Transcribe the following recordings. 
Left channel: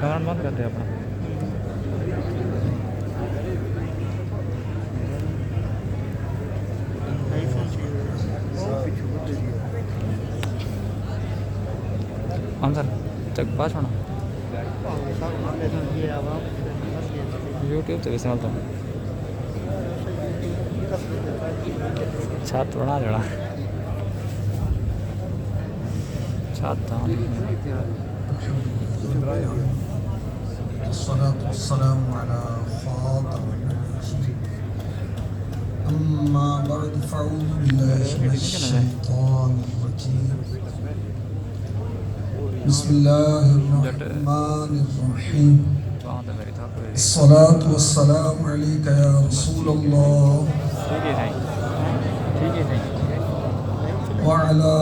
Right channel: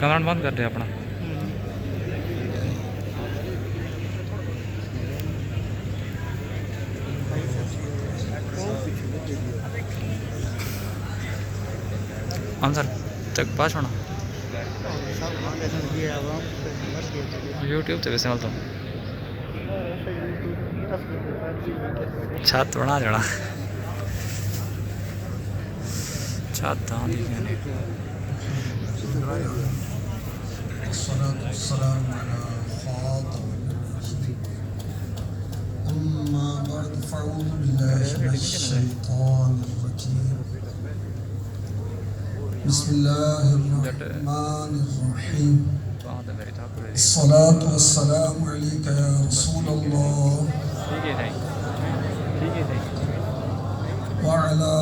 Camera بند کر دے اپنا. Answer تک پاس ہونا یوٹیوب سے ویسے ملتا ہوں چھت بنا جڑا چھت الصلاة والسلام على خاتم النبيين أما بعد فأعوذ بالله من الشيطان الرجيم بسم الله الرحمن الرحيم الصلاة والسلام عليك يا رسول الله وعلى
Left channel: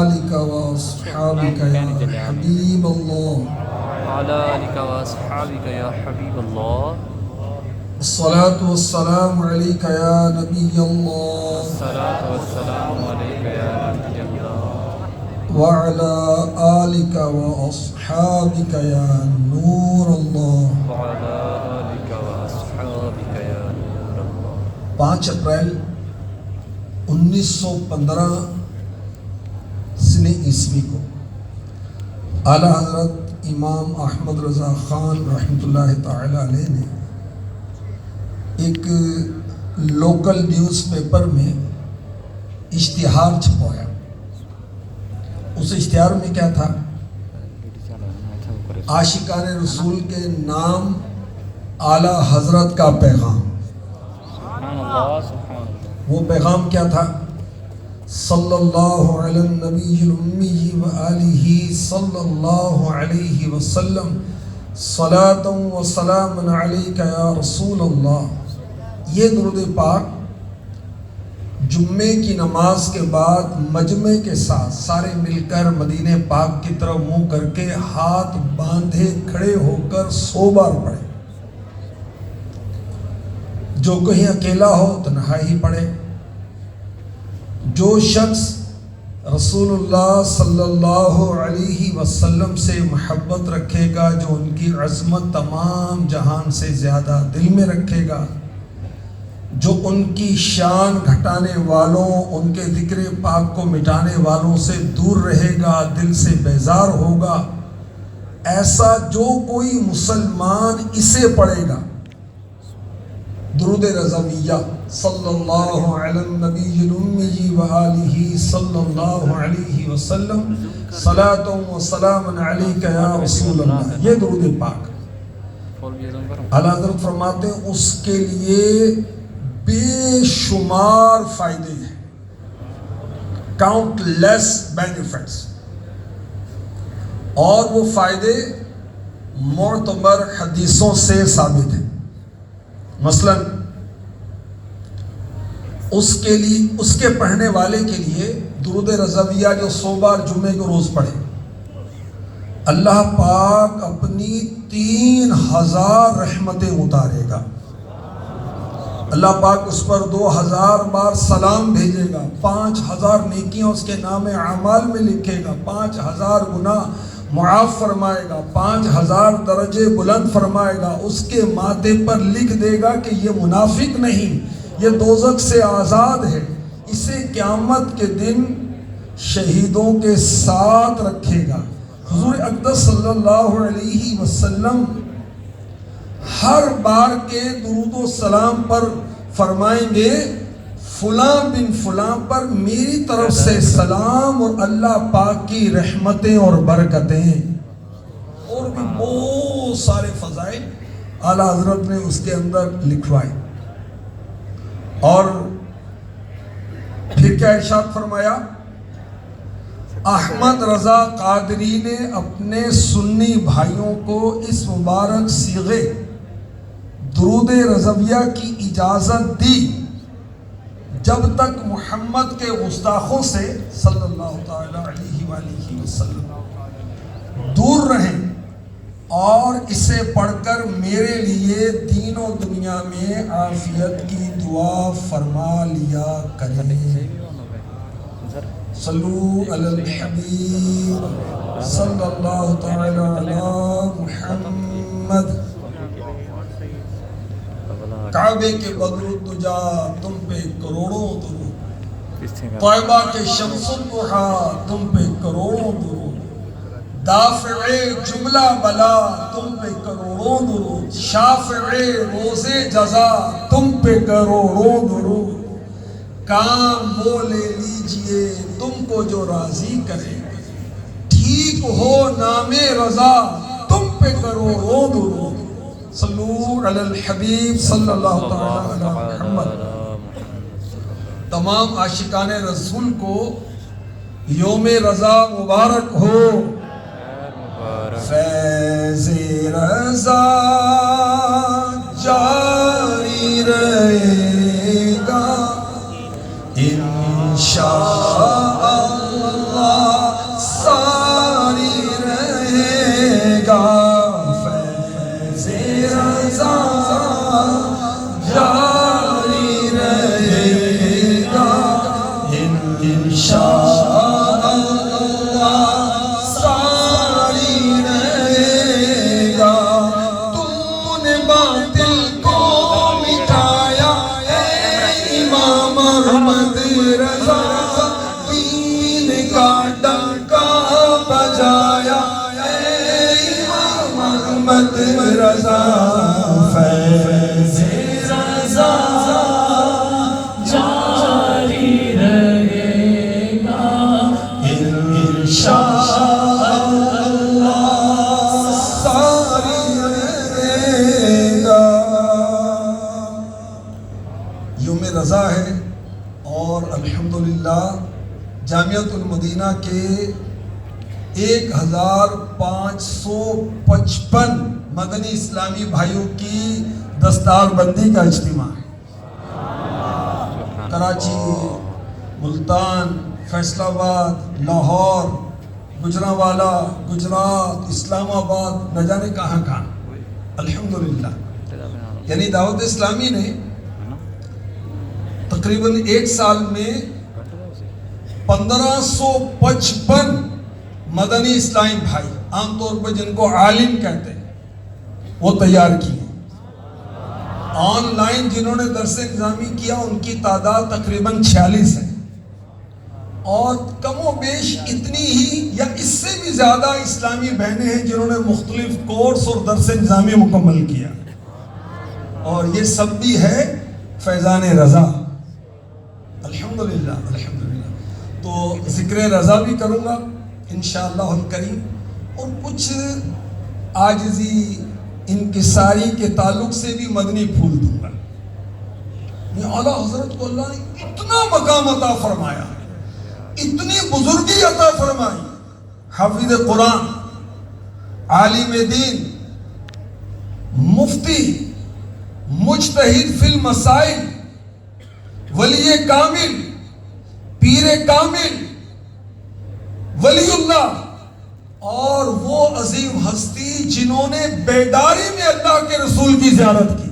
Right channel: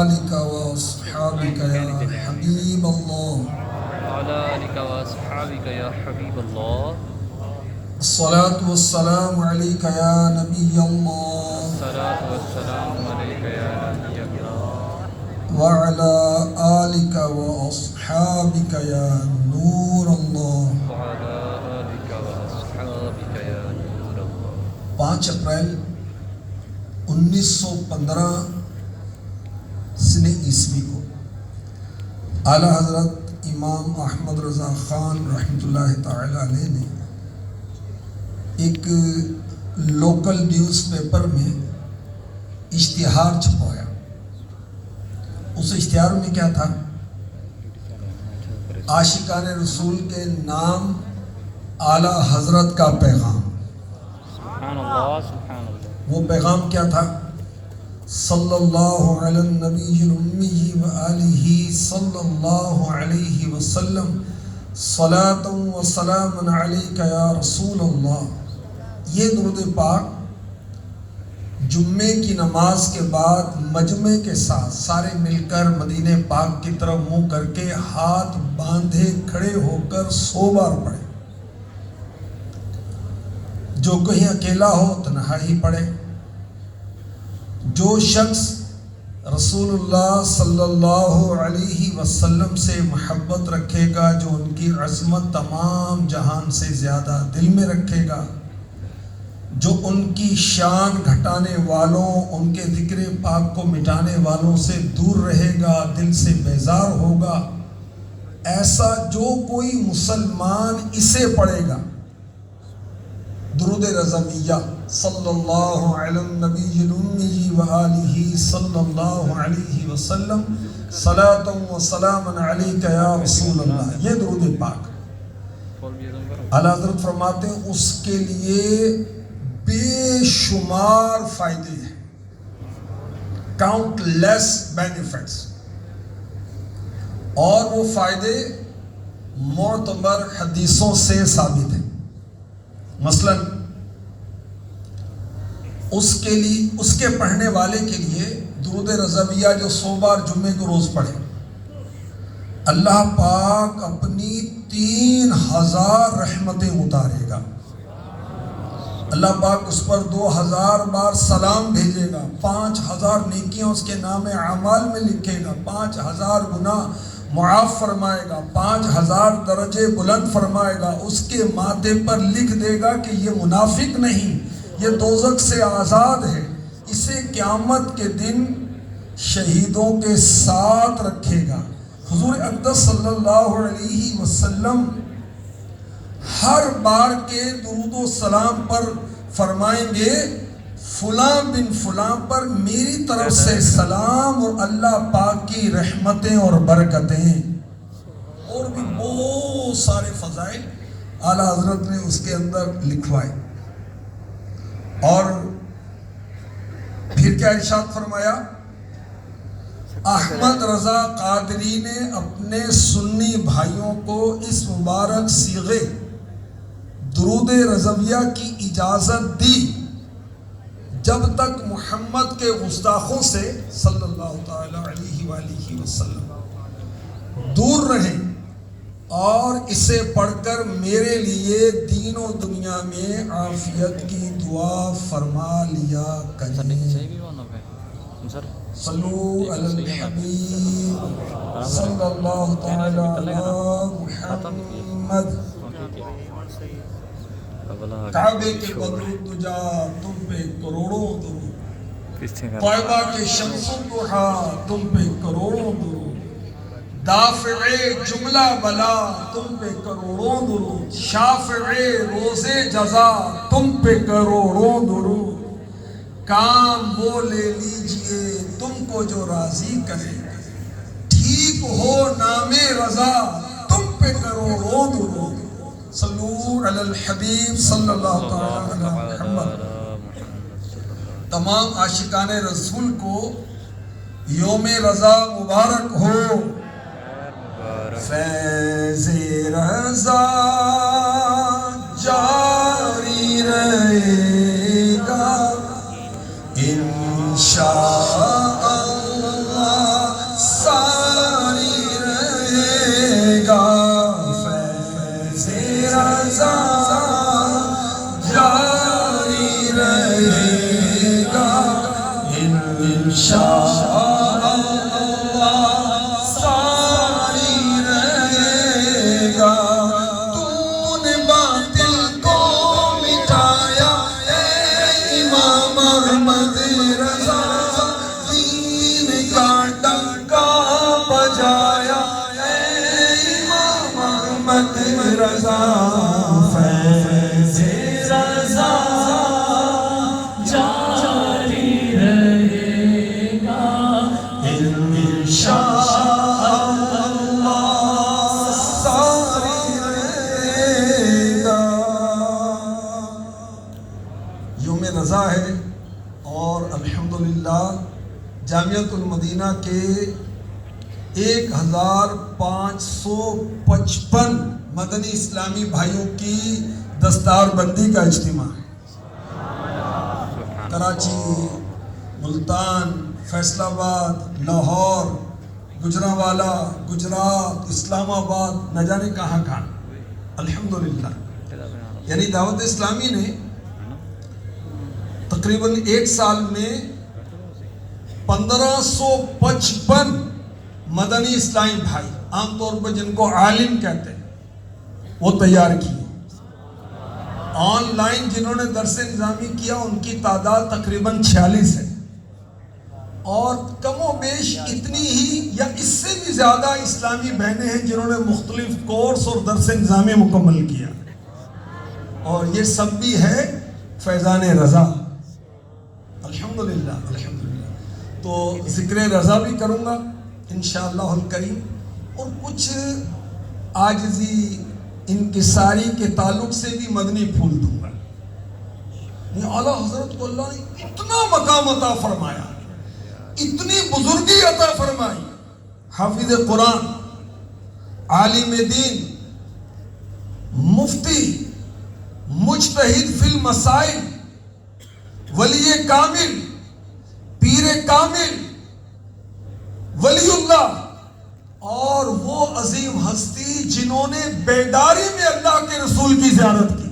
آلك وأصحابك يا حبيب الله وعلى آلك وأصحابك يا حبيب الله الصلاة والسلام عليك يا نبي الله الصلاة والسلام عليك يا نبي الله وعلى آلك وأصحابك يا نور الله وعلى آلك وأصحابك يا نور الله 5 اپریل 1915 سنہ عیسوی کو اعلیٰ حضرت امام احمد رضا خان رحمۃ اللہ تعالی علیہ نے ایک لوکل نیوز پیپر میں اشتہار چھپوایا. اس اشتہار میں کیا تھا؟ عاشقان رسول کے نام اعلیٰ حضرت کا پیغام. سبحان اللہ سبحان اللہ. وہ پیغام کیا تھا؟ صلی اللہ علی النبی الامی وآلہ صلی اللہ علیہ وسلم صلاۃ و سلام علیک یا رسول اللہ. یہ درود پاک جمعے کی نماز کے بعد مجمع کے ساتھ سارے مل کر مدینہ پاک کی طرف منہ کر کے ہاتھ باندھے کھڑے ہو کر 100 بار پڑھے. جو کہیں اکیلا ہو تنہائی پڑھے. جو شخص رسول اللہ صلی اللہ علیہ وسلم سے محبت رکھے گا، جو ان کی عظمت تمام جہان سے زیادہ دل میں رکھے گا، جو ان کی شان گھٹانے والوں، ان کے ذکر پاک کو مٹانے والوں سے دور رہے گا، دل سے بیزار ہوگا، ایسا جو کوئی مسلمان اسے پڑھے گا، درود رضویہ صلی اللہ علی النبی الامی وآلہ صلی اللہ علیہ وسلم صلاۃ و سلام علیک یا رسول اللہ، یہ درود پاک اعلیٰ حضرت فرماتے ہیں اس کے لیے بے شمار فائدے ہیں، کاؤنٹ لیس بینیفٹس. اور وہ فائدے معتبر حدیثوں سے ثابت ہیں. مثلا اس کے پڑھنے والے کے لیے درود رضویہ جو 100 بار جمعے کو روز پڑھے، اللہ پاک اپنی 3000 رحمتیں اتارے گا. اللہ پاک اس پر 2000 بار سلام بھیجے گا، 5000 نیکیاں اس کے نام اعمال میں لکھے گا، 5000 گناہ معاف فرمائے گا، 5000 درجے بلند فرمائے گا. اس کے ماتھے پر لکھ دے گا کہ یہ منافق نہیں، یہ دوزخ سے آزاد ہے. اسے قیامت کے دن شہیدوں کے ساتھ رکھے گا. حضور اقدس صلی اللہ علیہ وسلم ہر بار کے درود و سلام پر فرمائیں گے فلاں بن فلاں پر میری طرف سے سلام اور اللہ پاک کی رحمتیں اور برکتیں. اور بھی بہت سارے فضائل اعلیٰ حضرت نے اس کے اندر لکھوائے. اور پھر کیا ارشاد فرمایا؟ احمد رضا قادری نے اپنے سنی بھائیوں کو اس مبارک صیغے درود رضویہ کی اجازت دی جب تک محمد کے گستاخوں سے صلی اللہ تعالی علیہ وآلہ وسلم دور رہیں، اور اسے پڑھ کر میرے لیے دین و دنیا میں عافیت کی دعا فرما لیا کریں. صلو علی الحبیب صلی اللہ تعالی علی محمد. کعبے کے بدر الدجا تم پہ کروڑوں درود، طیبہ کے شمس الضحیٰ تم پہ کروڑوں درود، دافع جملہ بلا تم پہ کروڑوں درود، شافع روز جزا تم پہ کروڑوں درود. کام وہ لے لیجئے تم کو جو راضی کرے، ٹھیک ہو نام رضا تم پہ کروڑوں درود. صلو علی الحبیب صلی اللہ تعالی علی محمد. تمام عاشقان رسول کو یوم رضا مبارک ہو. فیض رضا جاری رہے گا انشاء اللہ، ساری رہے گا. فیض رضا جاری رہے گا انشاء رضا. فیض رضا جاری رہے گا انشاء اللہ، ساری رہے گا. یوم رضا ہے اور الحمدللہ جامعۃ المدینہ کے 1555 مدنی اسلامی بھائیوں کی دستار بندی کا اجتماع ہے. کراچی، ملتان، فیصل آباد، لاہور، گجرانوالہ، گجرات، اسلام آباد، نہ جانے کہاں کہاں. الحمدللہ یعنی دعوت اسلامی نے تقریباً ایک سال میں 1555 مدنی اسلامی بھائی، عام طور پہ جن کو عالم کہتے ہیں، وہ تیار کیے. آن لائن جنہوں نے درس نظامی کیا ان کی تعداد تقریباً 46 ہے، اور کم و بیش اتنی ہی یا اس سے بھی زیادہ اسلامی بہنیں ہیں جنہوں نے مختلف کورس اور درس نظامی مکمل کیا. اور یہ سب بھی ہے فیضان رضا. الحمدللہ الحمدللہ. تو ذکر رضا بھی کروں گا انشاءاللہ الکریم، اور کچھ عاجزی انکساری کے تعلق سے بھی مدنی پھول دوں گا. یہ اعلیٰ حضرت کو اللہ نے اتنا مقام عطا فرمایا، اتنی بزرگی عطا فرمائی. حافظ قرآن، عالم دین، مفتی، مجتہد فی المسائل، ولی کامل، پیر کامل، ولی اللہ، اور وہ عظیم ہستی جنہوں نے بیداری میں اللہ کے رسول کی زیارت کی.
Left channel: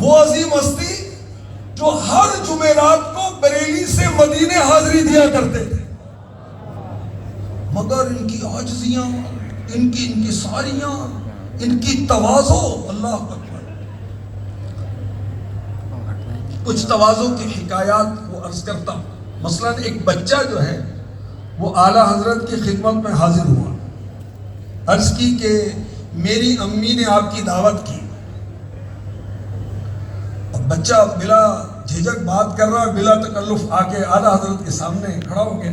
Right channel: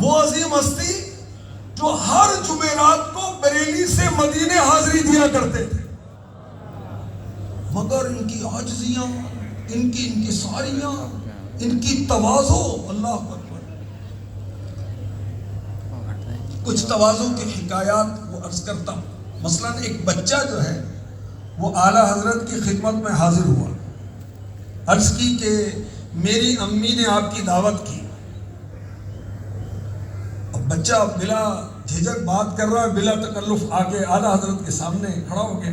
وہ عظیم ہستی جو ہر جمعرات کو بریلی سے مدینے حاضری دیا کرتے تھے، مگر ان کی عاجزیاں، ان کی انکساریاں، ان کی تواضع، اللہ اکبر. کچھ تواضع کی حکایات وہ عرض کرتا ہوں. مثلا ایک بچہ جو ہے وہ اعلیٰ حضرت کی خدمت میں حاضر ہوا، عرض کی کہ میری امی نے آپ کی دعوت کی. اب بچہ بلا جھجک بات کر رہا ہے، بلا تکلف آ کے اعلیٰ حضرت کے سامنے کھڑا ہو گیا.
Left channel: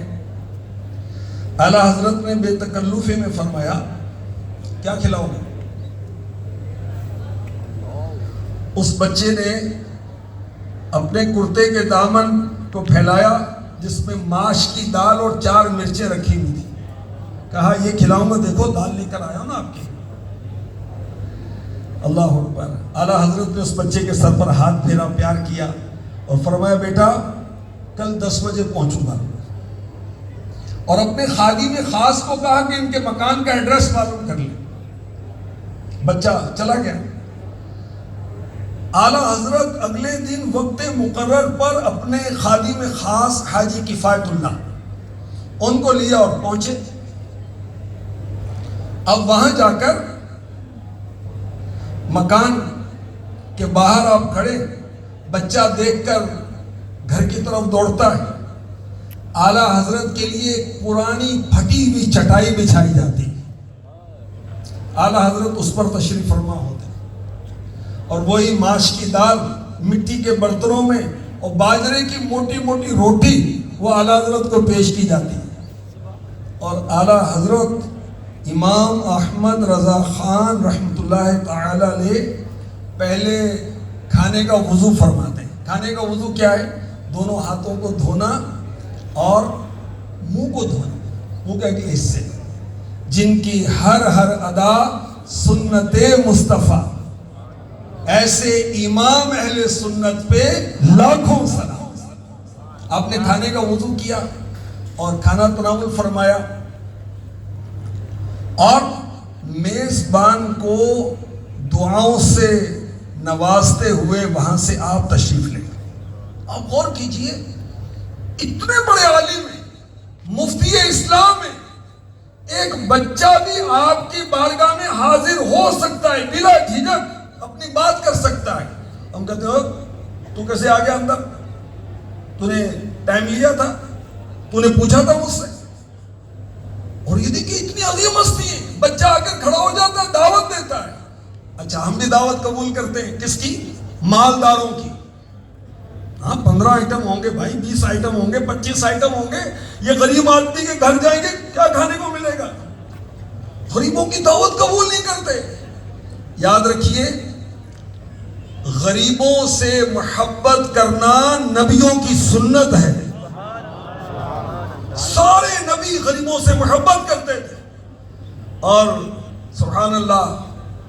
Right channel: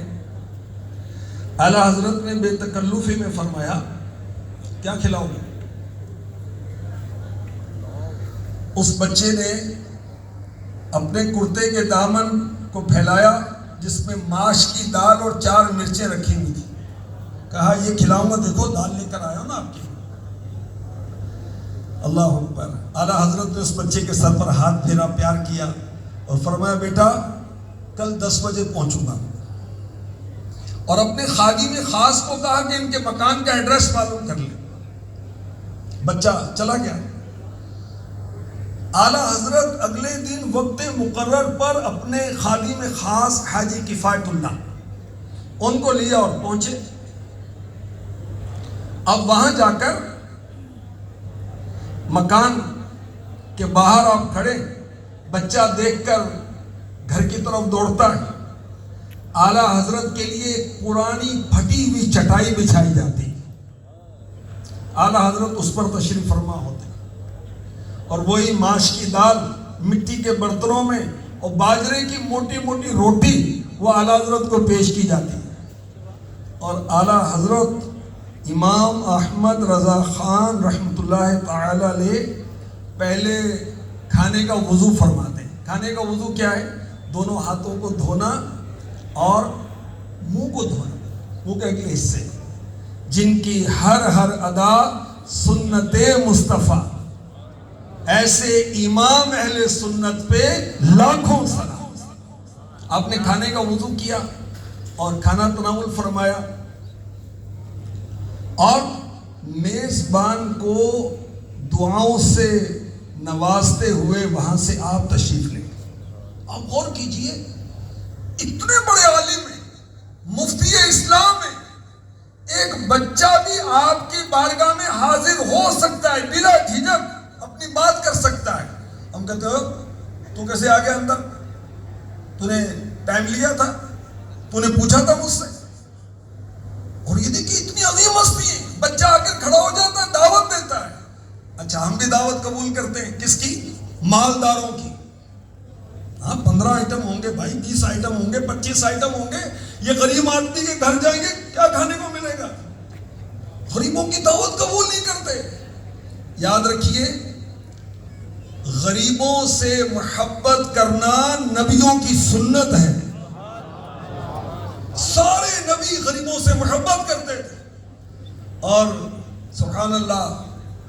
اعلیٰ حضرت نے بے تکلفی میں فرمایا کیا کھلاؤ گے؟ اس بچے نے اپنے کرتے کے دامن کو پھیلایا جس میں ماش کی دال اور 4 مرچیں رکھی ہوئی تھی. کہا یہ کھلاؤں گا، دیکھو دال لے کر آیا ہوں نا آپ کی. اللہ اکبر. اعلیٰ حضرت نے اس بچے کے سر پر ہاتھ پھیرا، پیار کیا اور فرمایا بیٹا کل 10 بجے پہنچوں گا. اور اپنے خادم خاص کو کہا کہ ان کے مکان کا ایڈریس معلوم کر لیں. بچہ چلا گیا. اعلیٰ حضرت اگلے دن وقت مقرر پر اپنے خادم خاص حاجی کفایت اللہ ان کو لیا اور پہنچے. اب وہاں جا کر مکان کے باہر آپ کھڑے, بچہ دیکھ کر گھر کی طرف دوڑتا ہے. اعلیٰ حضرت کے لیے ایک پرانی پھٹی ہوئی چٹائی بچھائی جاتی. اعلیٰ حضرت اس پر تشریف فرما ہوتے اور وہی ماش کی دال مٹی کے برتنوں میں اور باجرے کی موٹی موٹی روٹی وہ اعلیٰ حضرت کو پیش کی جاتی. اور اعلیٰ حضرت امام احمد رضا خان رحمۃ اللہ تعالی علیہ پہلے کھانے کا وضو فرماتے ہیں. کھانے کا وضو کیا ہے؟ دونوں ہاتھوں کو دھونا اور منہ کو دھونا, منہ کے اگلے حصے, جن کی ہر ادا سنت مصطفیٰ. ایسے امام اہل سنت پہ لاکھوں سلام. آپ نے کھانے کا وضو کیا اور کھانا تناول فرمایا اور میزبان کو دعاؤں سے نوازتے ہوئے وہاں سے آپ تشریف لے گئے. آپ غور کیجئے, اتنے بڑے عالم ہیں, مفتی اسلام ہیں, ایک بچہ بھی آپ کی بارگاہ میں حاضر ہو سکتا ہے, بلا جھجک اپنی بات کر سکتا ہے. ہم کہتے ہو تو کیسے آ گیا اندر؟ تو نے ٹائم لیا تھا؟ تو نے پوچھا تھا مجھ سے؟ اور یہ دیکھیے اتنی عظیم ہستی ہے, بچہ آ کر کھڑا ہو جاتا ہے, دعوت دیتا ہے. اچھا, ہم بھی دعوت قبول کرتے ہیں. کس کی؟ مالداروں کی. ہاں 15 آئٹم ہوں گے بھائی, 20 آئٹم ہوں گے, 25 آئٹم ہوں گے. یہ غریب آدمی کے گھر جائیں گے, کیا کھانے کو ملے گا؟ غریبوں کی دعوت قبول نہیں کرتے. یاد رکھیے, غریبوں سے محبت کرنا نبیوں کی سنت ہے. سارے نبی غریبوں سے محبت کرتے تھے. اور سبحان اللہ,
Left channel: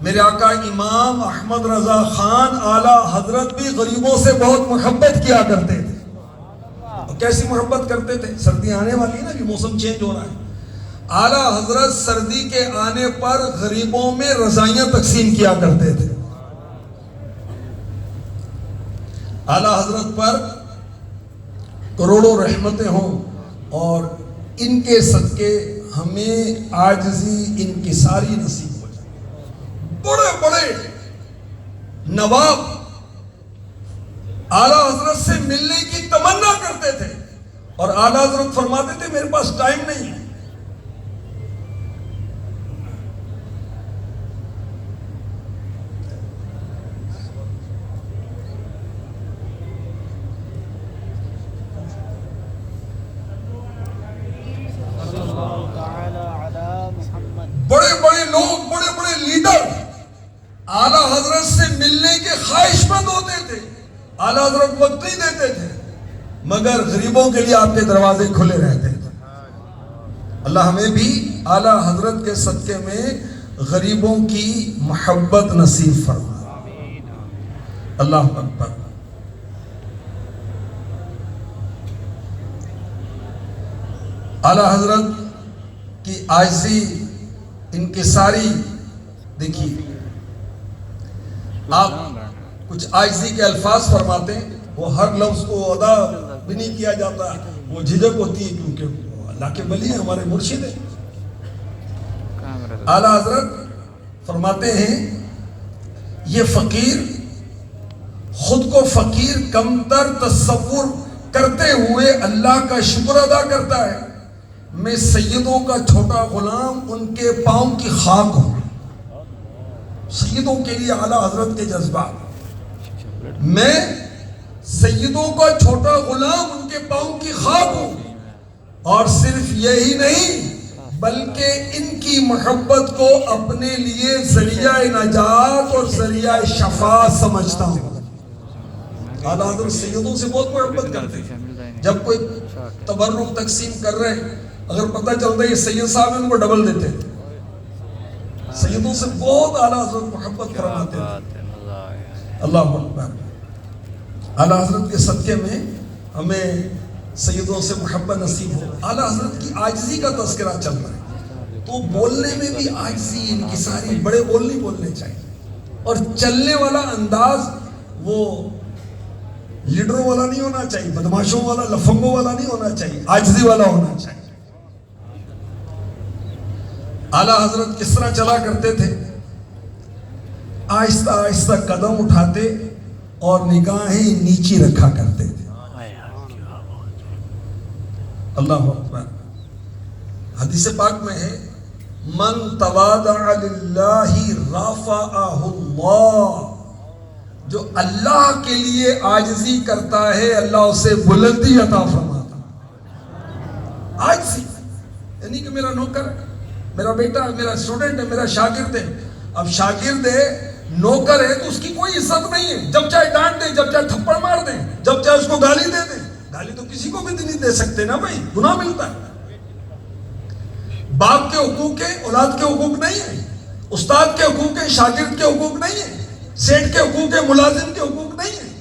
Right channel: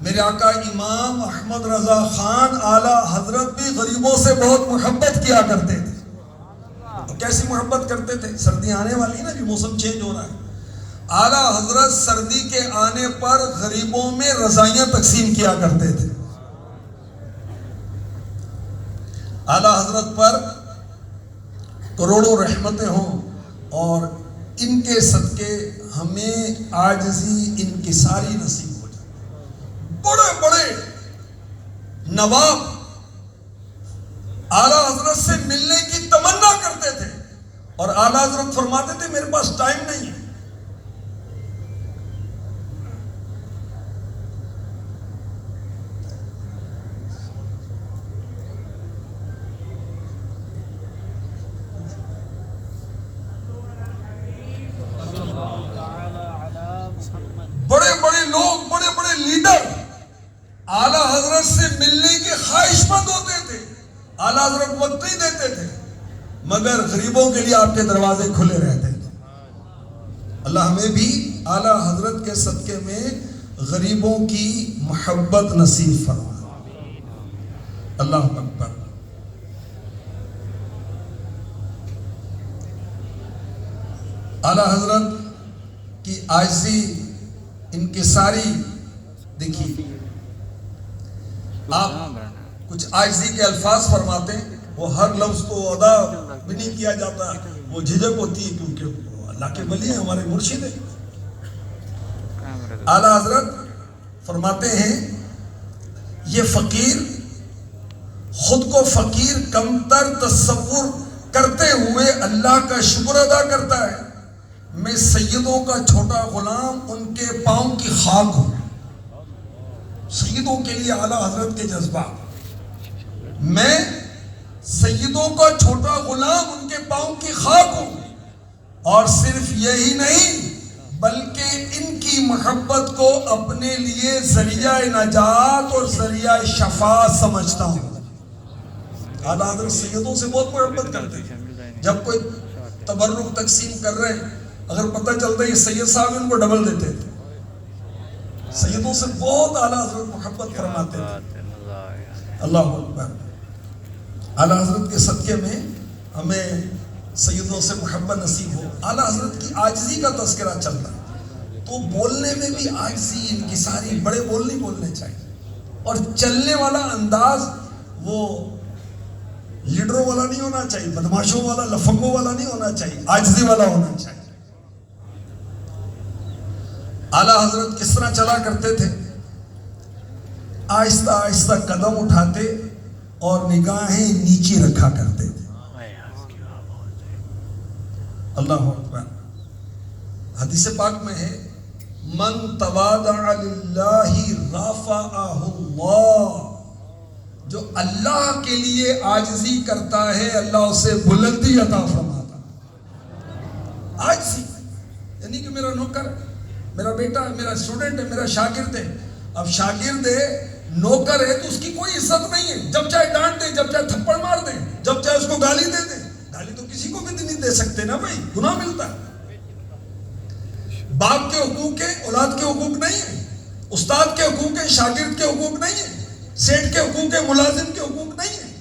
میرے آقا امام احمد رضا خان اعلیٰ حضرت بھی غریبوں سے بہت محبت کیا کرتے تھے. کیسی محبت کرتے تھے؟ سردی آنے والی نا, بھی موسم چینج ہو رہا ہے. اعلیٰ حضرت سردی کے آنے پر غریبوں میں رضائیاں تقسیم کیا کرتے تھے. اعلیٰ حضرت پر کروڑوں رحمتیں ہوں اور ان کے صدقے ہمیں عاجزی انکساری نصیب ہو جائے. بڑے بڑے نواب اعلیٰ حضرت سے ملنے کی تمنا کرتے تھے اور اعلیٰ حضرت فرماتے تھے میرے پاس ٹائم نہیں ہے. بڑے بڑے لوگ, بڑے بڑے لیڈر اعلیٰ حضرت سے ملنے کے خواہش مند ہوتے تھے. اعلیٰ حضرت وقت نہیں دیتے تھے, مگر غریبوں کے لیے آپ کے دروازے کھلے رہتے تھے. اللہ ہمیں بھی اعلیٰ حضرت کے صدقے میں غریبوں کی محبت نصیب فرمائے. اللہ اکبر. اعلیٰ حضرت کی عاجزی انکساری دیکھیے, آپ کچھ عاجزی کے الفاظ فرماتے ہیں, وہ ہر لفظ کو ادا بھی نہیں کیا جاتا, وہ جھجک ہوتی ہے کیونکہ اللہ کے ولی ہیں, ہمارے مرشد ہیں. اعلیٰ حضرت فرماتے ہیں یہ فقیر خود کو فقیر کمتر تصور کرتے ہوئے اللہ کا شکر ادا کرتا ہے. میں سیدوں کا چھوٹا غلام ان کے پاؤں کی خاک ہوں. سیدوں کے لیے اعلیٰ حضرت کے جذبات. میں سیدوں کا چھوٹا غلام ان کے پاؤں کی خاک ہوں, اور صرف یہی نہیں بلکہ ان کی محبت کو اپنے لیے ذریعہ نجات اور ذریعہ شفاعت سمجھتا ہوں. اعلیٰ حضرت سیدوں سے بہت محبت کرتے ہیں. جب کوئی تبرک تقسیم کر رہے ہیں, اگر پتہ چلتا ہے یہ سید صاحب ان کو ڈبل دیتے تھے. سیدوں سے بہت اعلیٰ حضرت محبت فرماتے تھے. اللہ اکبر. اعلیٰ حضرت کے صدقے میں ہمیں سیدوں سے محبت نصیب ہو. اعلیٰ حضرت کی عاجزی کا تذکرہ چل رہا ہے تو بولنے میں بھی عاجزی انکساری, بڑے بول نہیں بولنے چاہیے, اور چلنے والا انداز وہ لیڈروں والا نہیں ہونا چاہیے, بدماشوں والا, لفنگوں والا نہیں ہونا چاہیے, عاجزی والا ہونا چاہیے. اعلیٰ حضرت کس طرح چلا کرتے تھے؟ آہستہ آہستہ قدم اٹھاتے اور نگاہیں نیچی رکھا کرتے تھے. اللہ اکبر. حدیث پاک میں ہے من تواضع للہ رفعہ اللہ, جو اللہ کے لیے عاجزی کرتا ہے اللہ اسے بلندی عطا فرماتا. عاجزی یعنی کہ میرا نوکر, میرا بیٹا, میرا اسٹوڈنٹ ہے, میرا شاگرد ہے. اب شاگرد ہے, نوکر ہے, تو اس کی کوئی عزت نہیں ہے. جب چاہے ڈانٹ دیں, جب چاہے تھپڑ مار دیں, جب چاہے اس کو گالی دے دیں. گالی تو کسی کو بھی نہیں دے سکتے نا بھائی, گناہ ملتا ہے. باپ کے حقوق ہیں, اولاد کے حقوق نہیں ہیں. استاد کے حقوق ہیں, شاگرد کے حقوق نہیں ہیں. سیٹ کے حقوق ہیں, ملازم کے حقوق نہیں ہیں.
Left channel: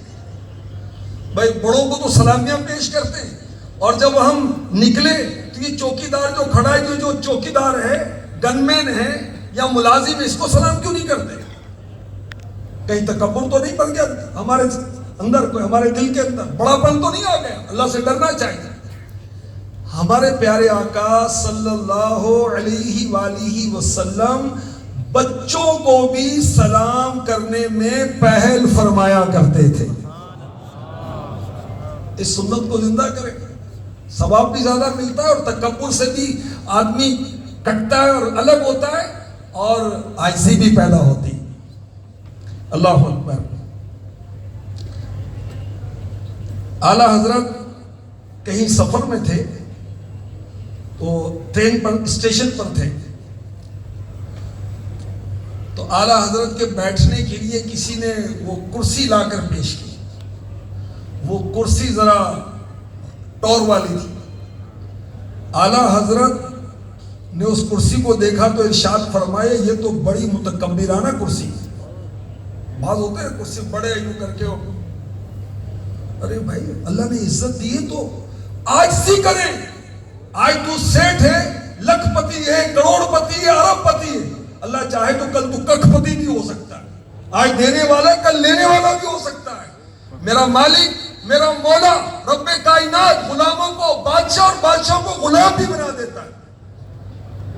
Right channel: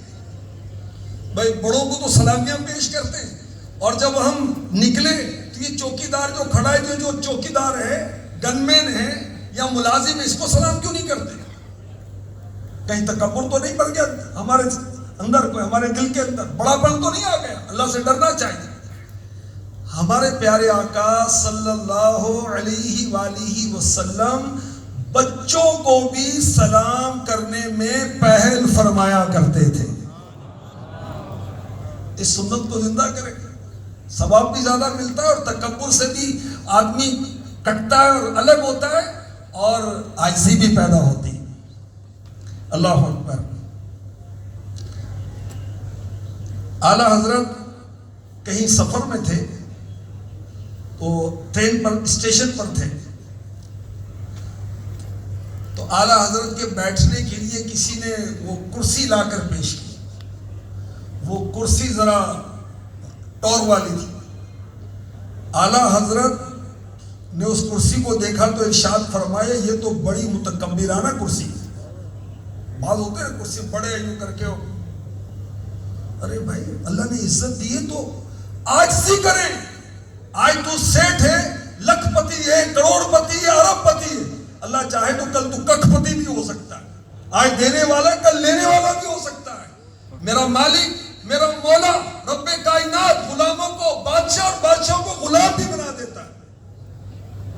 بھائی بڑوں کو تو سلامیاں پیش کرتے ہیں, اور جب ہم نکلے تو یہ چوکیدار جو کھڑا ہے, جو چوکیدار ہے, گن مین ہے یا ملازم, اس کو سلام کیوں نہیں کرتے؟ کہیں تکبر تو نہیں بن گیا ہمارے اندر, کوئی ہمارے دل کے اندر بڑا پن تو نہیں آ گیا؟ اللہ سے ڈرنا چاہیے. ہمارے پیارے آقا صلی اللہ علیہ وآلہ وسلم بچوں کو بھی سلام کرنے میں پہل فرمایا کرتے تھے. اس سنت کو زندہ کریں, ثواب بھی زیادہ ملتا ہے, اور تکبر سے بھی آدمی کٹتا ہے اور الگ ہوتا ہے, اور عاجزی بھی پیدا ہوتی. اللہ اکبر. اعلیٰ حضرت کہیں سفر میں تھے تو ٹرین پر, اسٹیشن پر تھے, تو اعلیٰ حضرت کے بیٹھنے کے لیے کسی نے وہ کرسی لا کر پیش کی. وہ کرسی ذرا ٹور والی تھی. اعلیٰ حضرت نے اس کرسی کو دیکھا تو ارشاد فرمایا یہ تو بڑی متکبرانہ کرسی. بعض ہوتے ہیں کرسی بڑے یوں کر کے, ارے بھائی اللہ نے عزت دی ہے تو عاجزی کریں. آج تو سیٹ ہے, لکھ پتی ہے, کروڑ پتی ہے, ارب پتی ہے, اللہ چاہے تو کل تو ککھ پتی بھی ہو سکتا ہے. آج دینے والا ہے, کل لینے والا بھی ہو سکتا ہے. میرا مالک, میرا مولا رب کائنات غلاموں کو بادشاہ اور بادشاہوں کو غلام بھی بنا دیتا ہے,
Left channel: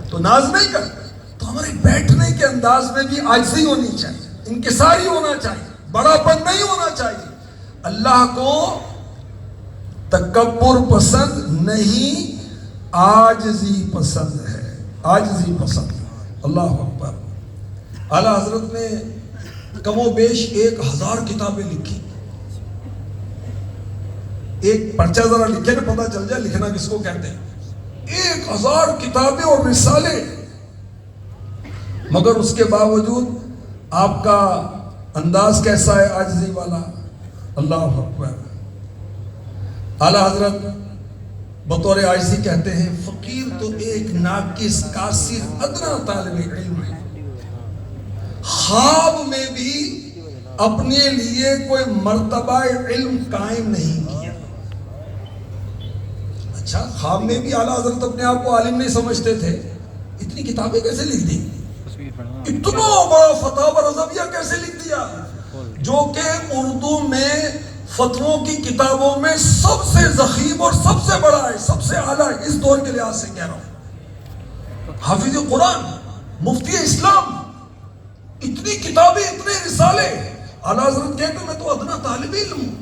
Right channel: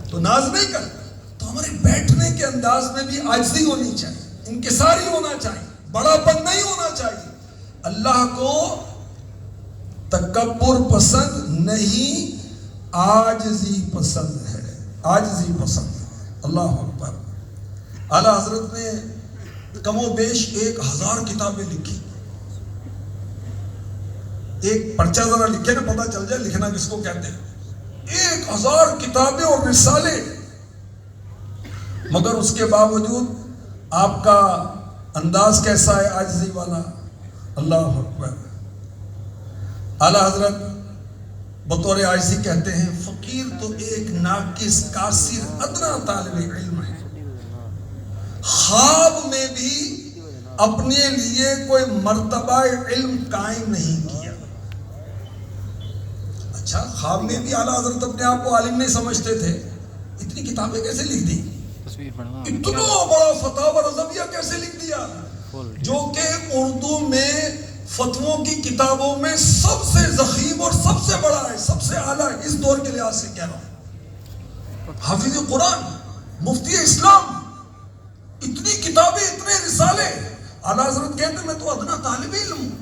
تو ناز نہیں کرتا. تو ہمارے بیٹھنے کے انداز میں بھی عاجزی ہونی چاہیے, انکساری ہونا چاہیے, بڑا پن نہیں ہونا چاہیے. اللہ کو تکبر پسند نہیں, عاجزی پسند ہے, عاجزی پسند ہے. اللہ اکبر. اعلیٰ حضرت نے کم و بیش 1000 کتابیں لکھی. ایک پرچہ ذرا لکھے نا پتہ چل جائے لکھنا کس کو کہتے ہیں. 1000 کتابیں اور رسالے, مگر اس کے باوجود آپ کا انداز کیسا ہے, عاجزی والا. اللہ اکبر. اعلیٰ حضرت بطور عاجزی کہتے ہیں فقیر تو ایک ناقص کاسر ادنا طالب علم ہے, خواب میں بھی اپنے لیے کوئی مرتبہ علم قائم نہیں کیا. اچھا, خواب میں بھی اعلیٰ حضرت اپنے آپ کو عالم نہیں سمجھتے تھے, اتنی کتابیں کیسے لکھ دی؟ اتنا بڑا فتاوی رضویہ کیسے لکھ دیا, جو کہ اردو میں فتووں کی کتابوں میں سب سے ضخیم اور سب سے بڑا ہے, سب سے اعلیٰ ہے. اس دور کے لحاظ سے کہہ رہا ہوں. حافظ قرآن, مفتی اسلام, اتنی کتابیں, اتنے رسالے. اعلیٰ حضرت کہتے ہیں میں تو ادنا طالب علم ہوں.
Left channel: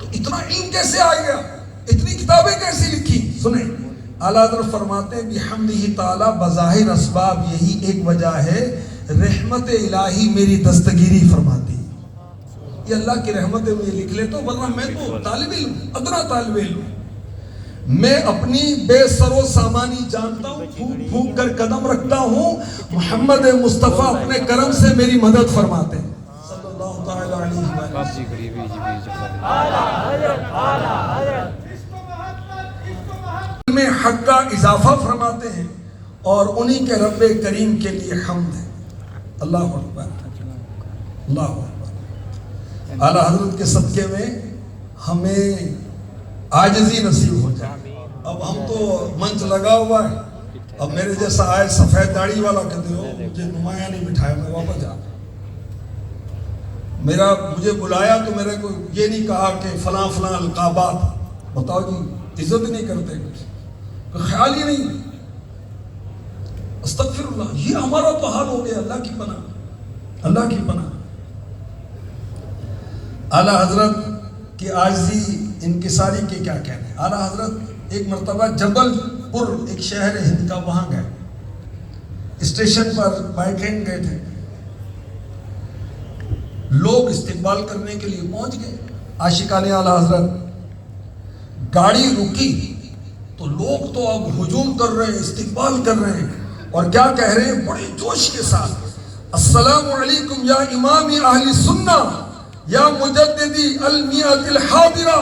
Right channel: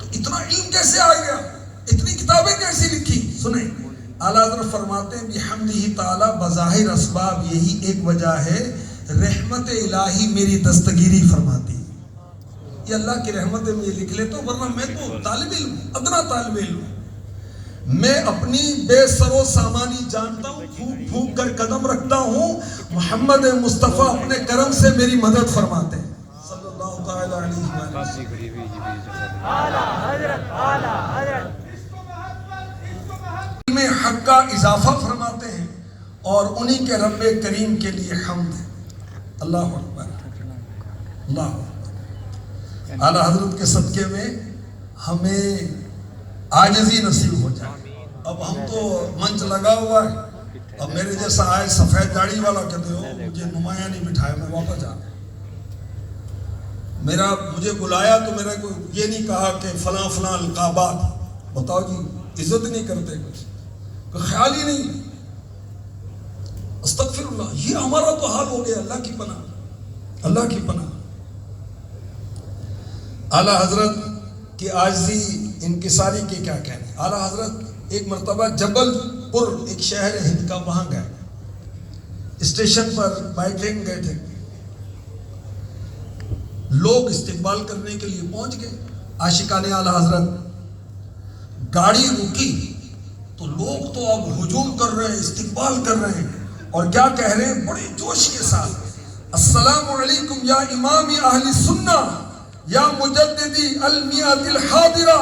تو اتنا علم کیسے آ گیا, اتنی کتابیں کیسے لکھی؟ سنیں, اعلیٰ حضرت فرماتے ہیں بحمدہ تعالی بظاہر اسباب یہی ایک وجہ ہے, رحمت الہی میری دستگیری فرماتی. یہ اللہ کی رحمت میں یہ لکھ لیتا ہوں, ورنہ میں تو طالب علم, ادنا طالب علم. میں اپنی بے سر و سامانی جانتا ہوں, پھونک پھونک کر قدم رکھتا ہوں. محمد مصطفیٰ اپنے کرم سے میری مدد فرماتے ہیں صلی اللہ تعالی علیہ وسلم. میں حق کا اضافہ فرماتے ہیں, اور انہی کے رب کریم کے لیے حمد ہے. اللہ اکبر. اللہ اکبر. اعلیٰ حضرت کے صدقے میں ہمیں عاجزی نصیب ہو جائے. اب ہم تو منچ لگا ہوا ہے, اب میرے جیسا آئے سفید داڑھی والا کہتے ہو مجھے نمایاں نہیں بٹھائے, میں واپس جا. مجھے بلایا تو میرے کو یہ نہیں کہا کہ فلاں فلاں القابات، بتاؤ جی عزت ہی نہیں کرتے، کچھ کوئی خیال ہی نہیں. استغفر اللہ، یہ ہمارا تو حال ہو گیا. اللہ کی پناہ، اللہ کی پناہ. اعلیٰ حضرت کی عاجزی انکساری کے کیا کہنے. اعلیٰ حضرت ایک مرتبہ جبل پور ایک شہر ہے ہند کا، وہاں گئے، اسٹیشن پر بائی ٹرین گئے تھے. لوگ استقبال کرنے کے لیے پہنچ گئے. عاشقان اعلیٰ حضرت گاڑی رکی تو لوگ تو اب ہجوم کر رہے ہیں، استقبال کر رہے ہیں، اور کیا کہہ رہے ہیں بڑی جوش کے ساتھ، السلام علیکم یا امام اہل سنہ یا مجددی المیات الحاضرہ،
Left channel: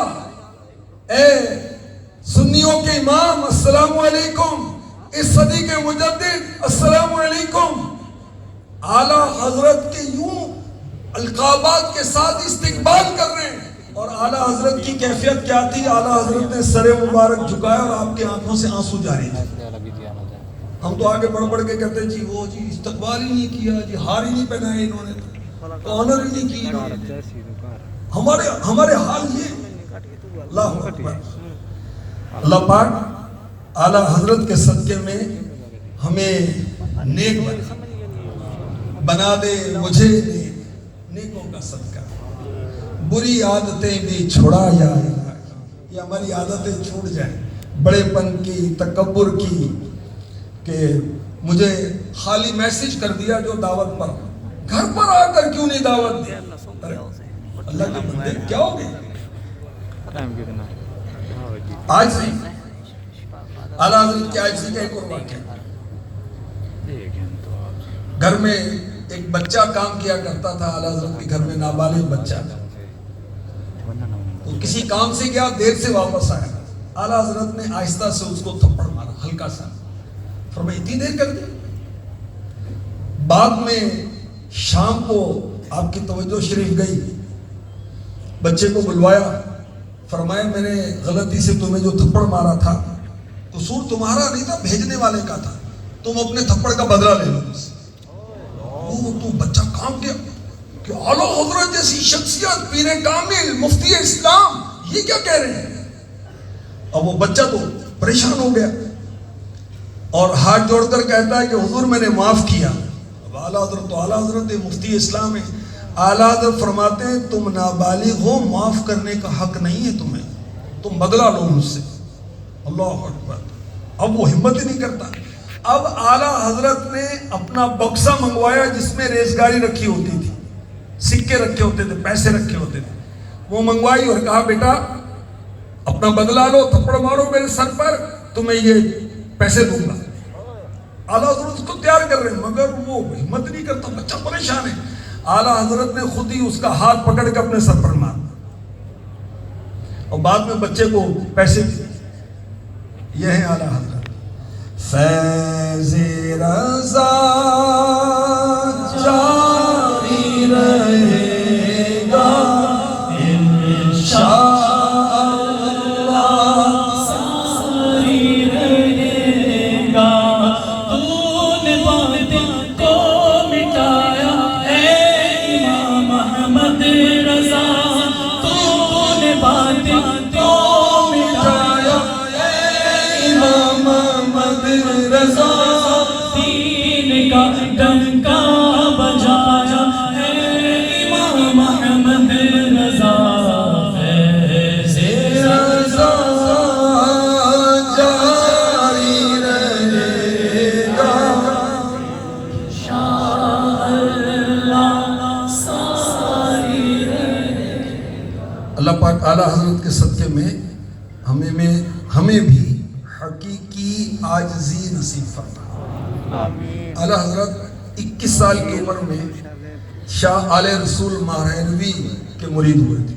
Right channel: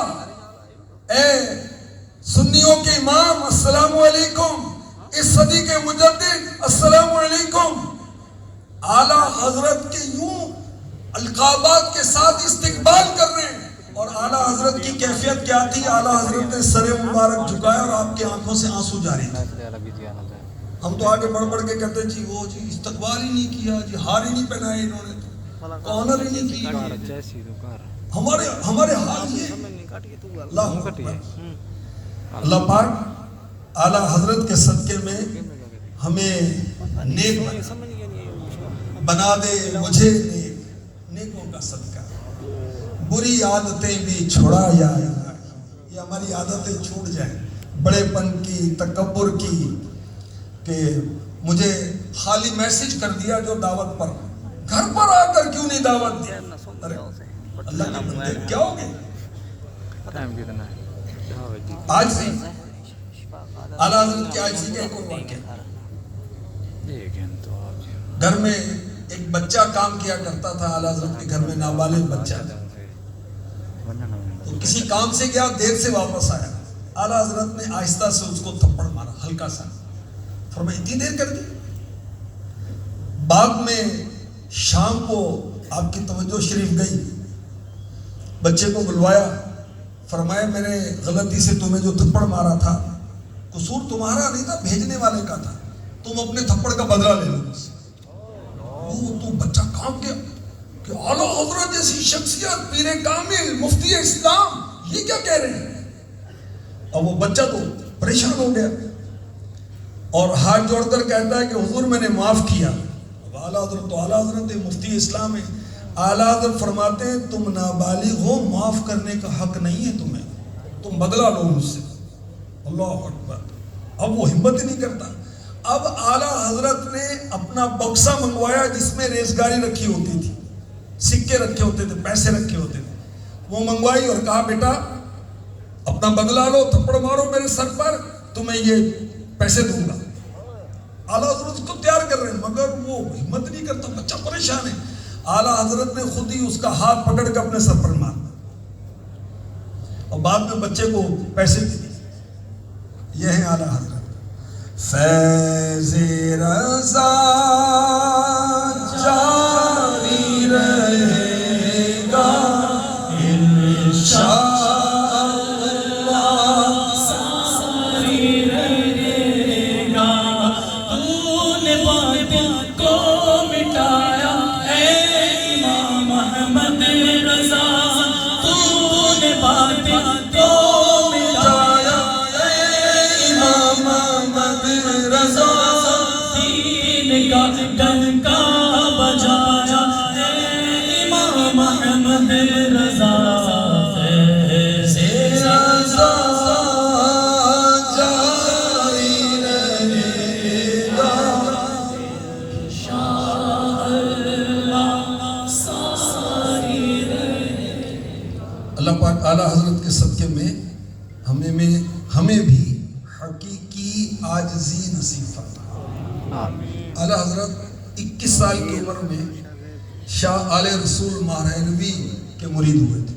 اے سنیوں کے امام السلام علیکم، اس صدی کے مجدد السلام علیکم. اعلیٰ حضرت کے یوں القابات کے ساتھ استقبال کر رہے ہیں. اور اعلیٰ حضرت کی کیفیت کیا تھی؟ اعلیٰ حضرت نے سر مبارک جھکایا اور آپ کی آنکھوں سے آنسو جاری تھے. ہم تو آگے بڑھ بڑھ کے کہتے جی وہ جی استقبال ہی نہیں کیا، جی ہار ہی نہیں پہنائے انہوں نے، آنر ہی نہیں کی. ہمارے حال یہ. اللہ پاک اعلیٰ حضرت کے صدقے میں ہمیں نیک بنا دے، مجھے نیکوں کا صدقہ. بری عادتیں بھی چھوڑا جائے، یہ ہماری عادتیں چھوٹ جائیں، بڑے پن کی، تکبر کی، کہ مجھے خالی میسج کر دیا جو دعوت پر، گھر پر آ کر کیوں نہیں دعوت دیا. اللہ کے بندے کیا ہو گئے. آج سے اعلیٰ حضرت کی عاجزی کا ایک اور واقعہ. گھر میں ایک بچہ کام کیا کرتا تھا اعلیٰ حضرت کے گھر میں، نابالغ بچہ. تو کسی کام سے گیا، دیر سے واپس آیا. اعلیٰ حضرت نے آہستہ سے اس کو تھپڑ مارا، ہلکا سا. فرمایا اتنی دیر کر دی. بعد میں شام کو آپ کی توجہ شریف گئی، بچے کو بلوایا، فرمایا میں نے غلطی سے تمہیں جو تھپڑ مارا تھا، قصور تمہارا نہیں تھا، بھیجنے والے کا تھا، تم اپنے تھپڑ کا بدلہ لے لو. تو بچہ کام کیا کہ اعلیٰ حضرت جیسی شخصیت، پیر کامل، مفتی اسلام، یہ کیا کہہ رہے ہیں. اور وہ بچہ تو پریشان ہو گیا اور ہاتھ جوڑ کر کہتا ہے کہ حضور میں نے معاف کیا. اب اعلیٰ حضرت تو اعلیٰ حضرت مفتی اسلام ہے. اعلیٰ حضرت فرماتے ہیں تم نابالغ ہو، معاف کرنے کا حق نہیں ہے تمہیں، تم بدلہ لو مجھ سے. اللہ اکبر. اب وہ ہمت ہی نہیں کرتا. اب اعلیٰ حضرت نے اپنا بکسا منگوایا جس میں ریزگاری رکھی ہوتی تھی، سکے رکھے ہوتے تھے، پیسے رکھے ہوتے تھے. وہ منگوائی اور کہا بیٹا اپنا بدلہ لو، تھپڑ مارو میرے سر پر، تمہیں یہ پیسے دوں گا. اعلیٰ حضرت اس کو تیار کر رہے ہیں مگر وہ ہمت نہیں کرتا، بچہ پریشان ہے. اعلیٰ حضرت نے خود ہی اس کا ہاتھ پکڑ کے اپنے سر پر مارا اور بعد میں بچے کو پیسے دیے. یہ ہے اعلیٰ حضرت. فیض رضا جاری رہے گا انشاء اعلیٰ حضرت کے صدقے میں ہمیں بھی حقیقی عاجزی نصیب فرما. اعلیٰ حضرت 21 سال کی عمر میں شاہ آل رسول مہرانوی کے مرید ہوئے تھے.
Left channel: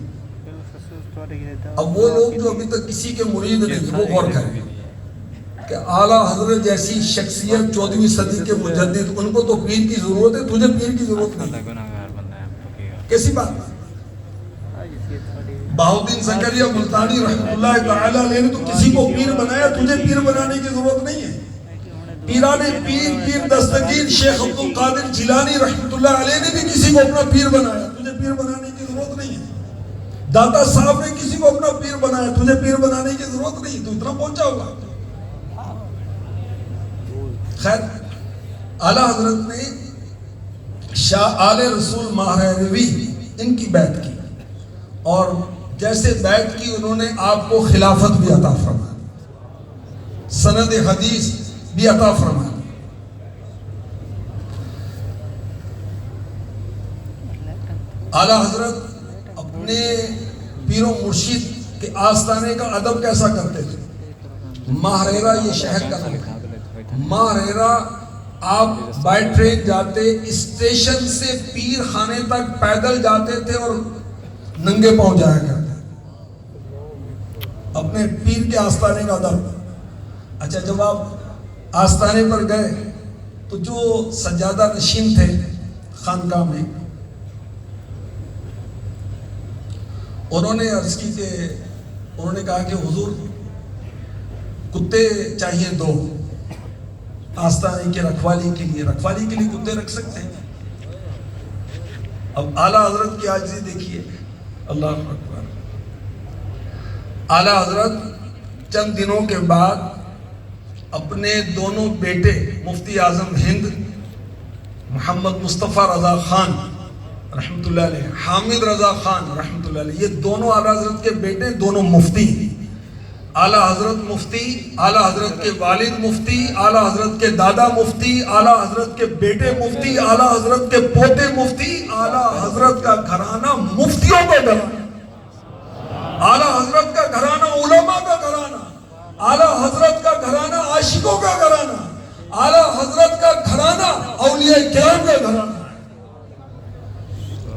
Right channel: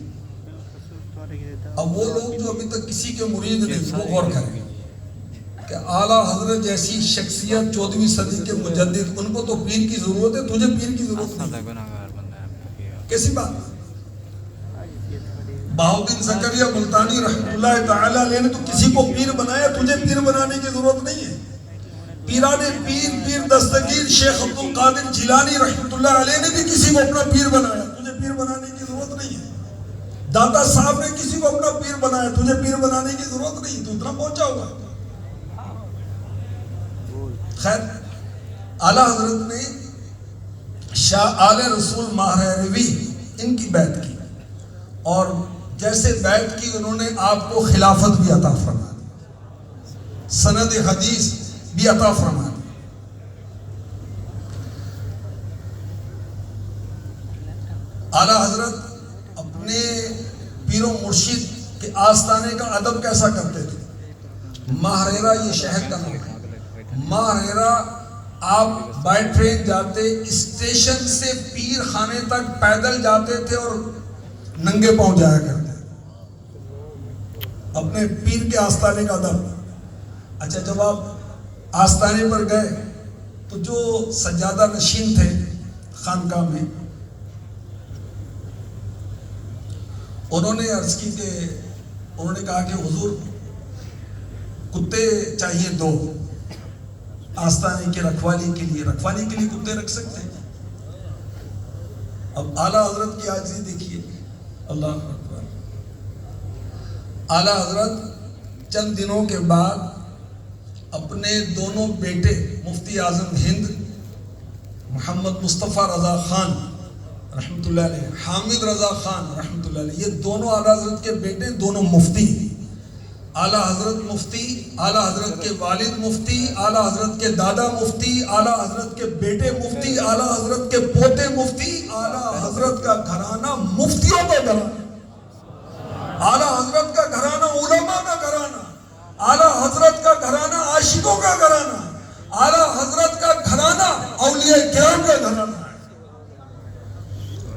اب وہ لوگ جو ابھی تک کسی کے مرید نہیں، وہ غور کریں کہ اعلیٰ حضرت جیسی شخصیت 14ویں صدی کے مجدد، ان کو تو پیر کی ضرورت ہے، تجھے پیر کی ضرورت نہیں. کیسی بات ہے. بہاؤدین زکریا ملتانی رحمۃ اللہ تعالی علیہ نے تو کسی کو پیر بنایا، تجھے پیر بنانے کی ضرورت نہیں ہے. پیران پیر دستگیر شیخ عبد القادر جیلانی رحمۃ اللہ علیہ نے بھی کسی کو اپنا پیر بنایا، تجھے پیر پیر بنانے کی ضرورت نہیں ہے. دادا صاحب نے کسی کو اپنا پیر بنایا, تجھے پیر بنانے کی ضرورت نہیں, تو اتنا پہنچا ہوگا. خیر, اعلیٰ حضرت نے شاہ آل رسول ماہروی ان کی بیعت کی, اور جیسے بیعت کی انہوں نے آپ کو خلافت بھی عطا فرما, سند حدیث بھی عطا فرما. اعلیٰ حضرت اپنے پیر و مرشد کے آستانے کا ادب کیسا کرتے تھے؟ ماہریرا یہ شہر کا نام ہے. ماہریرا آپ بائی ٹرین جاتے, اسٹیشن سے پیر خانے تک پیدل جاتے تھے اور ننگے پاؤں جایا کرتے اپنے پیر کے آستانے کا ادب. اچھا, جب آپ آستانے پر گئے تو جو سجادہ نشین تھے خانقاہ میں, انہوں نے عرض کی کہ انہوں نے کہا کہ حضور کتے چاہیے 2 آستانے کے رکھوالی کے لیے کتے رکھ سکتے ہیں. اب اعلیٰ حضرت کی عاجزی دیکھیے, اللہ اکبر. اعلیٰ حضرت چند دنوں کے بعد اپنے دونوں بیٹے مفتی اعظم ہند محمد مصطفیٰ رضا خان رحمۃ اللہ علیہ, حامد رضا خان رحمۃ اللہ علیہ, یہ دونوں اعلیٰ حضرت کے بیٹے, دونوں مفتی. اعلیٰ حضرت مفتی, اعلیٰ حضرت کے والد مفتی, اعلیٰ حضرت کے دادا مفتی, اعلیٰ حضرت کے بیٹے مفتی, اعلیٰ حضرت کے پوتے مفتی. اعلیٰ حضرت کا گھرانہ مفتیوں کا گھرانہ, اعلیٰ حضرت کا گھرانہ علماء کا گھرانہ, اعلیٰ حضرت کا گھرانہ عاشقوں کا گھرانہ, اعلیٰ حضرت کا گھرانہ اولیاء کرام کا گھرانہ.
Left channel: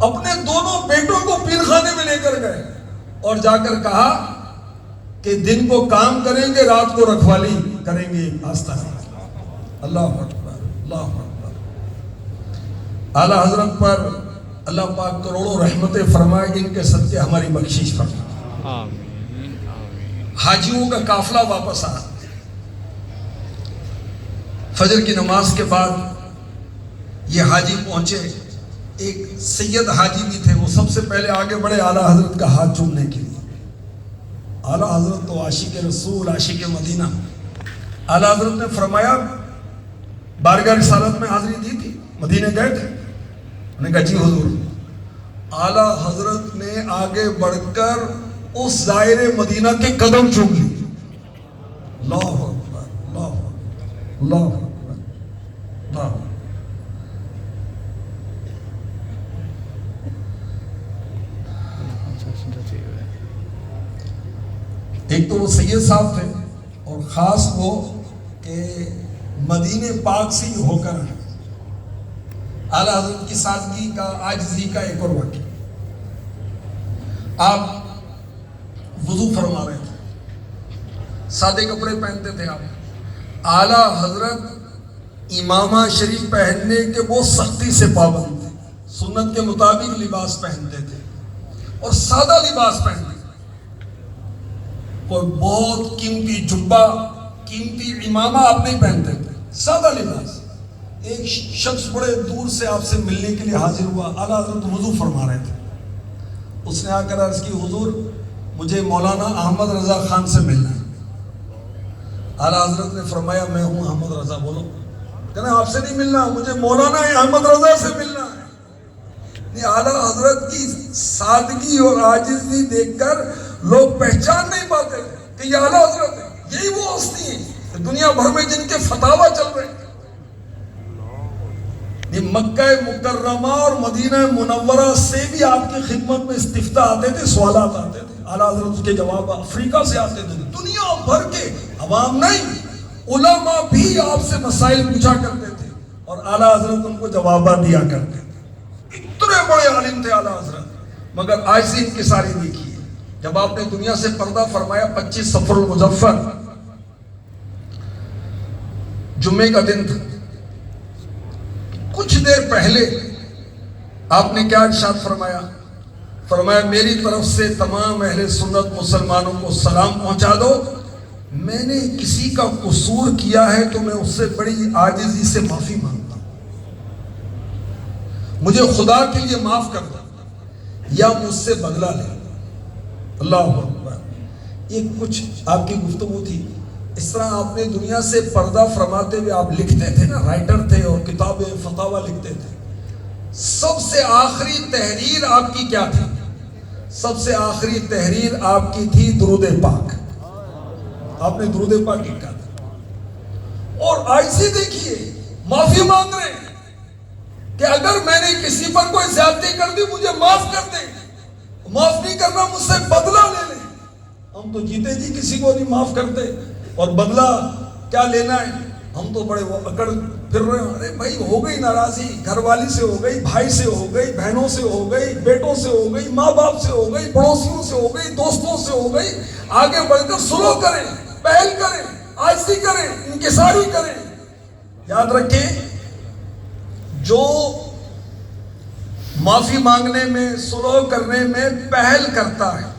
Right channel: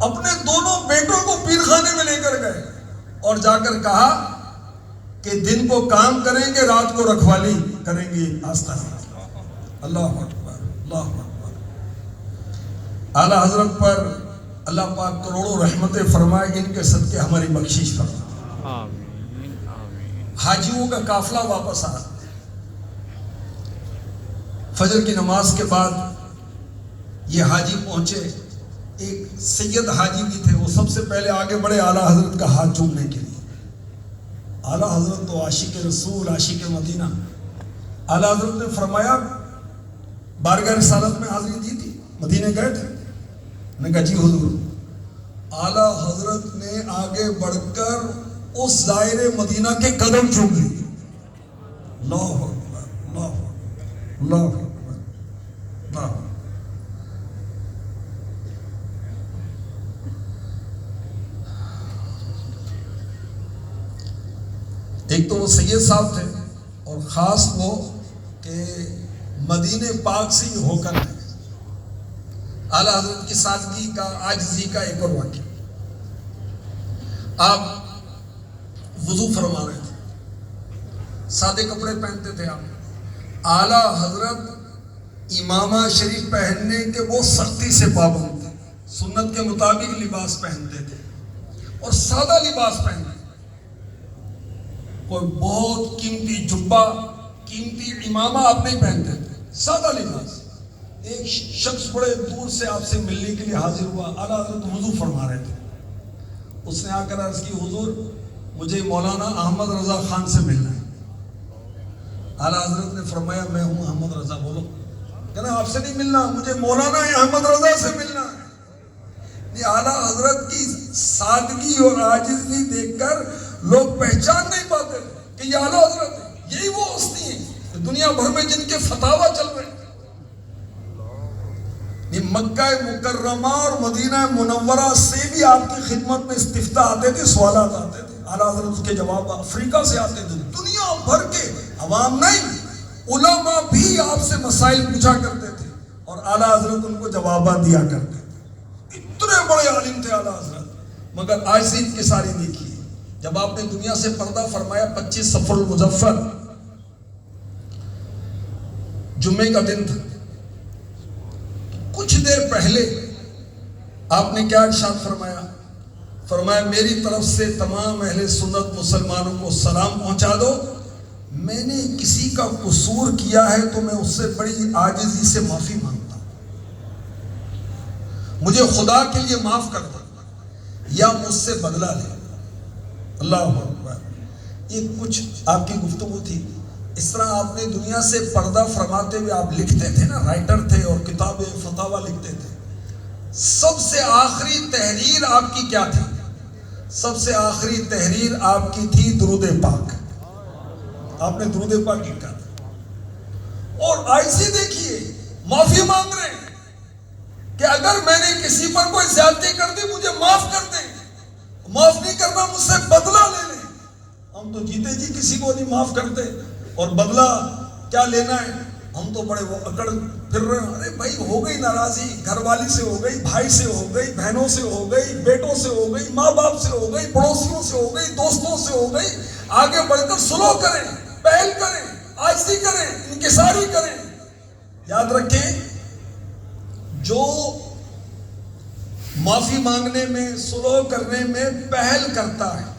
اپنے دونوں بیٹوں کو پیر خانے میں لے کر گئے اور جا کر کہا کہ دن کو کام کریں گے, رات کو رکھوالی کریں گے آستانے. اللہ اکبر, اللہ اکبر. اعلیٰ حضرت پر اللہ پاک کروڑوں رحمتیں فرمائے, ان کے صدقے ہماری بخشش فرمائے. آمین آمین. حاجیوں کا قافلہ واپس آ, فجر کی نماز کے بعد یہ حاجی پہنچے. ایک سید حاجی بھی تھے, وہ سب سے پہلے آگے بڑھے اعلیٰ حضرت کا ہاتھ چومنے کے لیے. اعلیٰ حضرت تو عاشق رسول, عاشق مدینہ. اعلیٰ حضرت نے فرمایا, بارگاہ رسالت میں حاضری دی تھی, مدینے گئے تھے؟ انہوں نے کہا جی حضور. اعلیٰ حضرت نے آگے بڑھ کر اس زائر مدینہ کے قدم چوم لیے. اللہ اکبر, اللہ اکبر, اللہ اکبر, اللہ اکبر. ایک تو وہ سید صاحب تھے, اور خاص وہ کہ مدینے پاک سے ہی ہو کر اعلیٰ حضرت کی سادگی کا, عاجزی کا ایک اور واقعہ. آپ وضو فرما رہے تھے, سادے کپڑے پہنتے تھے آپ. اعلیٰ حضرت امامہ شریف پہننے کے وہ سختی سے پابند تھے, سنت کے مطابق لباس پہنتے تھے اور سادہ لباس پہنتے. کوئی بہت قیمتی جبہ, قیمتی امامہ آپ نہیں پہنتے تھے, سادہ لباس. ایک شخص بڑے دور سے آپ سے ملنے کے لیے حاضر ہوا. اعلیٰ حضرت وضو فرما رہے تھے. اس نے آ کر عرض کی, حضور مجھے مولانا احمد رضا خان سے ملنا ہے. اعلیٰ حضرت نے فرمایا, میں ہوں احمد رضا, بولو. کہنا آپ سے نہیں ملنا, مجھے مولانا احمد رضا سے ملنا ہے. اعلیٰ حضرت کی سادگی اور عاجزی دیکھ کر لوگ پہچان نہیں پاتے کہ یہ اعلیٰ حضرت ہے. یہی وہ ہستی ہیں دنیا بھر میں جن کے فتاوی چل رہے ہیں. یہ مکہ مکرمہ اور مدینہ منورہ سے بھی آپ کی خدمت میں استفتاء آتے تھے, سوالات آتے تھے. اعلیٰ حضرت کے جواب افریقہ سے آتے تھے. دنیا بھر کے عوام نہیں, علماء بھی آپ سے مسائل پوچھا کرتے تھے اور اعلیٰ حضرت ان کو جوابات دیا کرتے تھے. اتنے بڑے عالم تھے اعلیٰ حضرت, مگر آج سے ان کی ساری دیکھیے. جب آپ نے دنیا سے پردہ فرمایا 25 صفر المظفر جمعے کا دن تھا, کچھ دیر پہلے آپ نے کیا ارشاد فرمایا؟ فرمایا میری طرف سے تمام اہل سنت مسلمانوں کو سلام پہنچا دو. میں نے کسی کا قصور کیا ہے تو میں اس سے بڑی عاجزی سے معافی مانگتا ہوں, مجھے خدا کے لیے معاف کر دو. یا مجھ سے بدلہ لے. اللہ اکبر. یہ کچھ آپ کی گفتگو تھی. اس طرح آپ نے دنیا سے پردہ فرماتے ہوئے آپ لکھتے تھے نا, رائٹر تھے اور کتابیں فتاوا لکھتے تھے. سب سے آخری تحریر آپ کی کیا تھی؟ سب سے آخری تحریر آپ کی تھی درود پاک. آپ نے درود پاک لکھا تھا. اور آج سے دیکھیے معافی مانگ رہے ہیں کہ اگر میں نے کسی پر کوئی زیادتی کر دی مجھے معاف کر دیں. معاف نہیں کرنا مجھ سے بدلہ لے لیں. ہم تو جیتے جی کسی کو نہیں معاف کرتے, اور بدلہ کیا لینا ہے. ہم تو بڑے وہ اکڑ پھر رہے ہیں. ارے بھائی ہو گئی ناراضی, گھر والی سے ہو گئی, بھائی سے ہو گئی, بہنوں سے ہو گئی, بیٹوں سے ہو گئی, ماں باپ سے ہو گئی, پڑوسیوں سے ہو گئی, دوستوں سے ہو گئی. آگے بڑھ کر سلو کریں, پہل کریں, عاجزی کریں, انکساری کریں. یاد رکھیں جو معافی مانگنے میں, سلو کرنے میں پہل کرتا ہے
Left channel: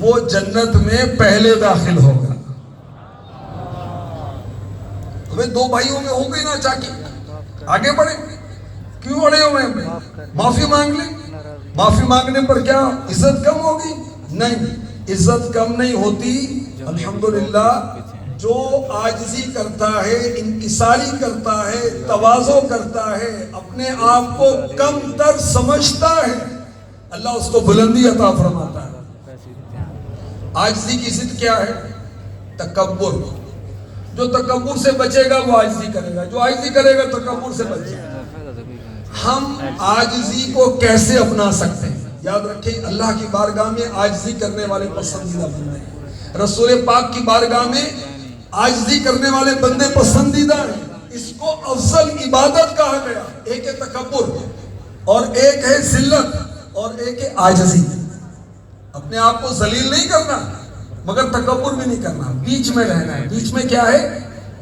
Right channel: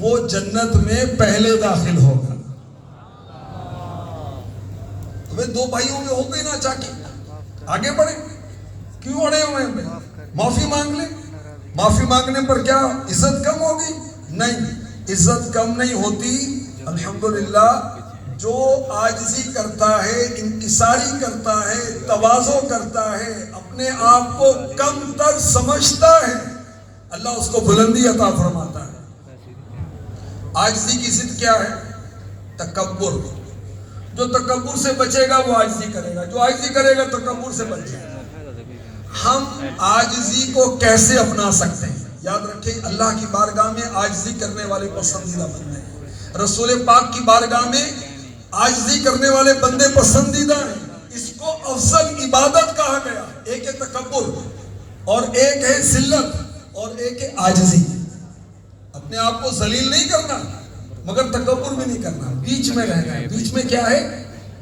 وہ جنت میں پہلے داخل ہوگا. تمہیں دو بھائیوں میں ہو گئی نا چاکی, آگے بڑھے. کیوں اڑے ہوئے ہیں؟ معافی مانگ لیں. معافی مانگنے پر کیا عزت کم ہوگی؟ نہیں, عزت کم نہیں ہوتی. الحمدللہ جو عاجزی کرتا ہے, انکساری کرتا ہے, تواضع کرتا ہے, اپنے آپ کو کم تر سمجھتا ہے, اللہ اس کو بلندی عطا فرماتا ہے. عاجزی کی ضد کیا ہے؟ تکبر. جو تکبر سے بچے گا وہ عاجزی کرے گا, جو عاجزی کرے گا تکبر سے بچے گا. ہم عاجزی کو کیسے اپنا سکتے ہیں؟ یاد رکھیں اللہ کی بارگاہ میں عاجزی کرنے والے پسندیدہ بندے ہیں. رسول پاک کی بارگاہ میں عاجزی کرنے والے بندے پسندیدہ ہیں. اس کو افضل عبادت کہا گیا. ایک ہے تکبر اور ایک ہے ذلت اور ایک ہے عاجزی. اپنے آپ کو ذلیل نہیں کرنا مگر تکبر بھی نہیں کرنا, بیچ میں رہنا ہے. بیچ میں کیا ہے؟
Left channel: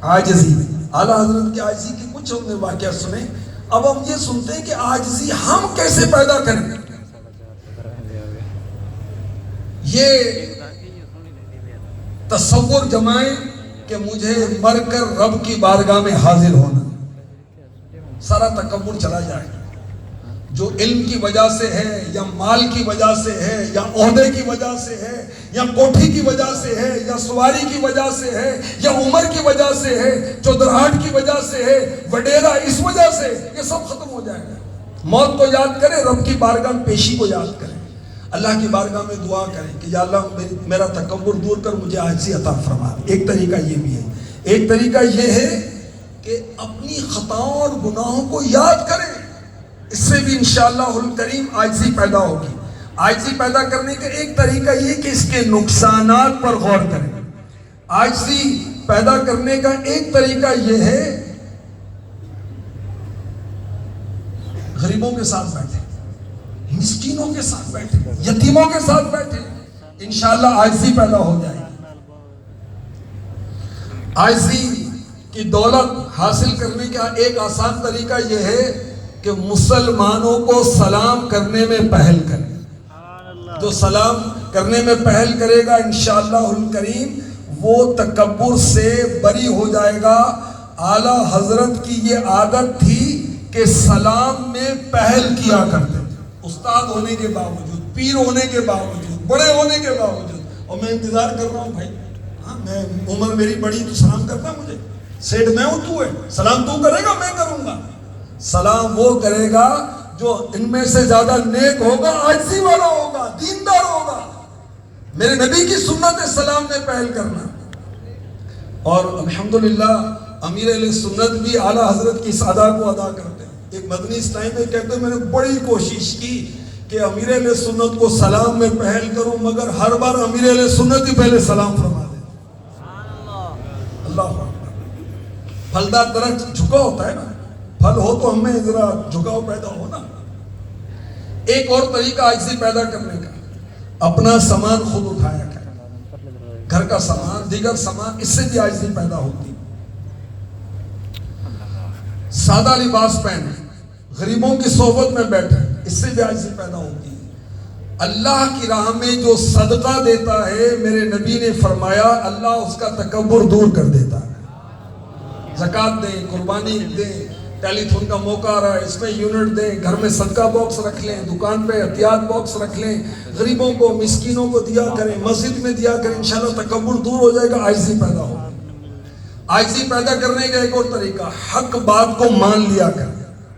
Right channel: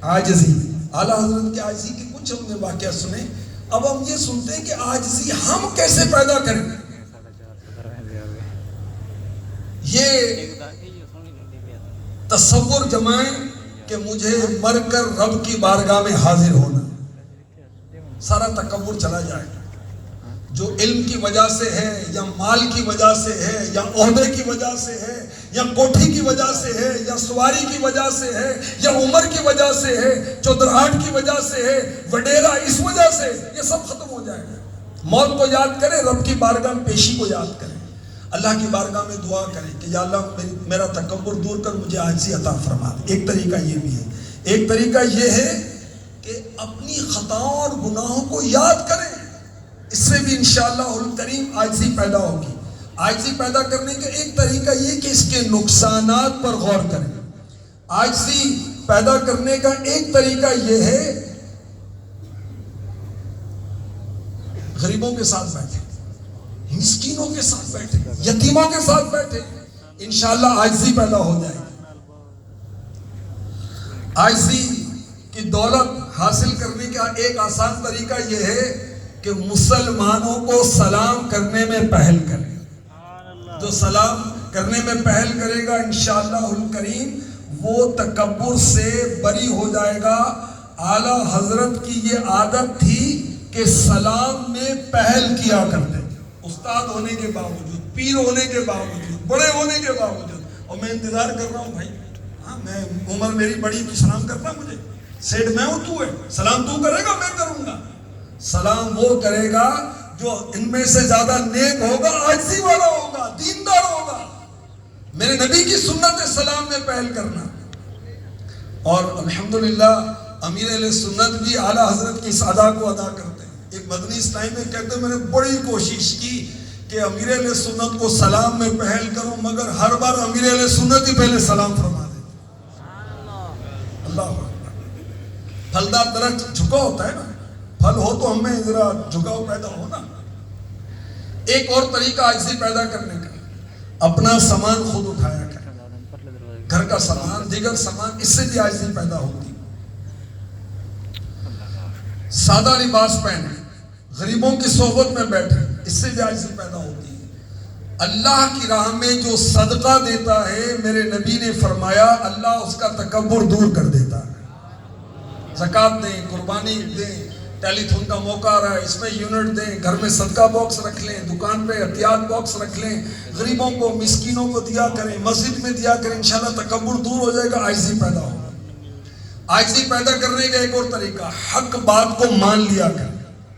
عاجزی. اعلیٰ حضرت کی عاجزی کی کچھ ہم نے واقعہ سنے. اب ہم یہ سنتے ہیں کہ عاجزی ہم کیسے پیدا کریں. یہ تصور جمائیں کہ مجھے مر کر رب کی بارگاہ میں حاضر ہونا, سارا تکبر چلا جائے. جو علم کی وجہ سے ہے یا مال کی وجہ سے ہے یا عہدے کی وجہ سے ہے یا کوٹھی کی وجہ سے ہے یا سواری کی وجہ سے ہے یا عمر کی وجہ سے ہے, چودراہٹ کی وجہ سے ہے, وڈیرا اس وجہ سے, یہ سب ختم ہو جائے گا. موت کو یاد کریں, رب کی بارگاہ میں پیشی کو یاد کریں, اللہ کی بارگاہ میں دعا کریں کہ یا اللہ میرا تکبر دور کر, مجھے عاجزی عطا فرما. ایک طریقہ یہ بھی ہے. ایک طریقہ یہ ہے کہ اپنی خطاؤں اور گناہوں کو یاد کریں. اس سے بھی انشاءاللہ الکریم عاجزی پیدا ہوگی. عاجزی پیدا کرنے کا ایک طریقہ یہ کہ اس کے نقصانات پر غور کریں. عاجزی پیدا کرنے کا ایک طریقہ یہ ہے غریبوں کے ساتھ بیٹھے, مسکینوں کے ساتھ بیٹھے, یتیموں کے ساتھ بیٹھے, انشاءاللہ عاجزی پیدا ہو جائے گی. عاجزی کی دولت حاصل کرنے کا ایک آسان طریقہ یہ ہے کہ مسلمانوں کو سلام کرنے میں پہل کریں. جو سلام کرنے میں پہل کرے گا انشاءاللہ الکریم وہ تکبر سے بری ہو جائے گا. اعلیٰ حضرت کی یہ عادت تھی کہ سلام میں پہل کیا کرتے, استاد ہونے کے باوجود, پیر ہونے کے باوجود, بڑے ہونے کے باوجود. اور میں انتظار کر رہا ہوں بھائی, ہاں میں عمر میری بڑی تو سلام کرنا مجھے, سیٹ میں ہوں, تو ہے سلام تو کرے گا, میں کروں گا. سلام وہ کرے گا جو ان میں سے زیادہ نیک ہوگا, عاجزی والا ہوگا, دیندار ہوگا. میرے نبی کی سنت ہے سلام میں پہل کرنا. اور الحمدللہ امیر علیہ سنت بھی اعلیٰ حضرت کی اس ادا کو ادا کرتے ہیں. ایک مدنی اسلام میں کہتے ہیں میں نے بڑی کوشش کی کہ امیر علیہ سنت کو سلام میں پہل کروں, مگر ہر بار امیر علیہ سنت ہی پہلے سلام فرما دیتے. اللہ پھلدار درخت جھکا ہوتا ہے نا, پھل ہو تو ہمیں ذرا جھکاؤ پیدا ہونا. ایک اور طریقہ عاجزی پیدا کرنے کا, اپنا سامان خود اٹھایا کریں, گھر کا سامان, دیگر سامان, اس سے بھی عاجزی پیدا ہوتی. سادہ لباس پہنے, غریبوں کی صحبت میں بیٹھے, اس سے بھی عاجزی پیدا ہوتی ہے. اللہ کی راہ میں جو صدقہ دیتا ہے میرے نبی نے فرمایا اللہ اس کا تکبر دور کر دیتا ہے. زکوٰۃ دیں, قربانی دیں, ٹیلی تھون کا موقع آ رہا ہے، اس میں یونٹ دیں، گھر میں صدقہ باکس رکھ لیں، دکان پہ احتیاط باکس رکھ لیں، غریبوں کو مسکینوں کو دیا کریں، مسجد میں دیا کریں، انشاءاللہ تکبر دور ہو جائے گا، عاجزی پیدا ہوگی۔ عاجزی پیدا کرنے کا ایک اور طریقہ، حق بات کو مان لیا کر،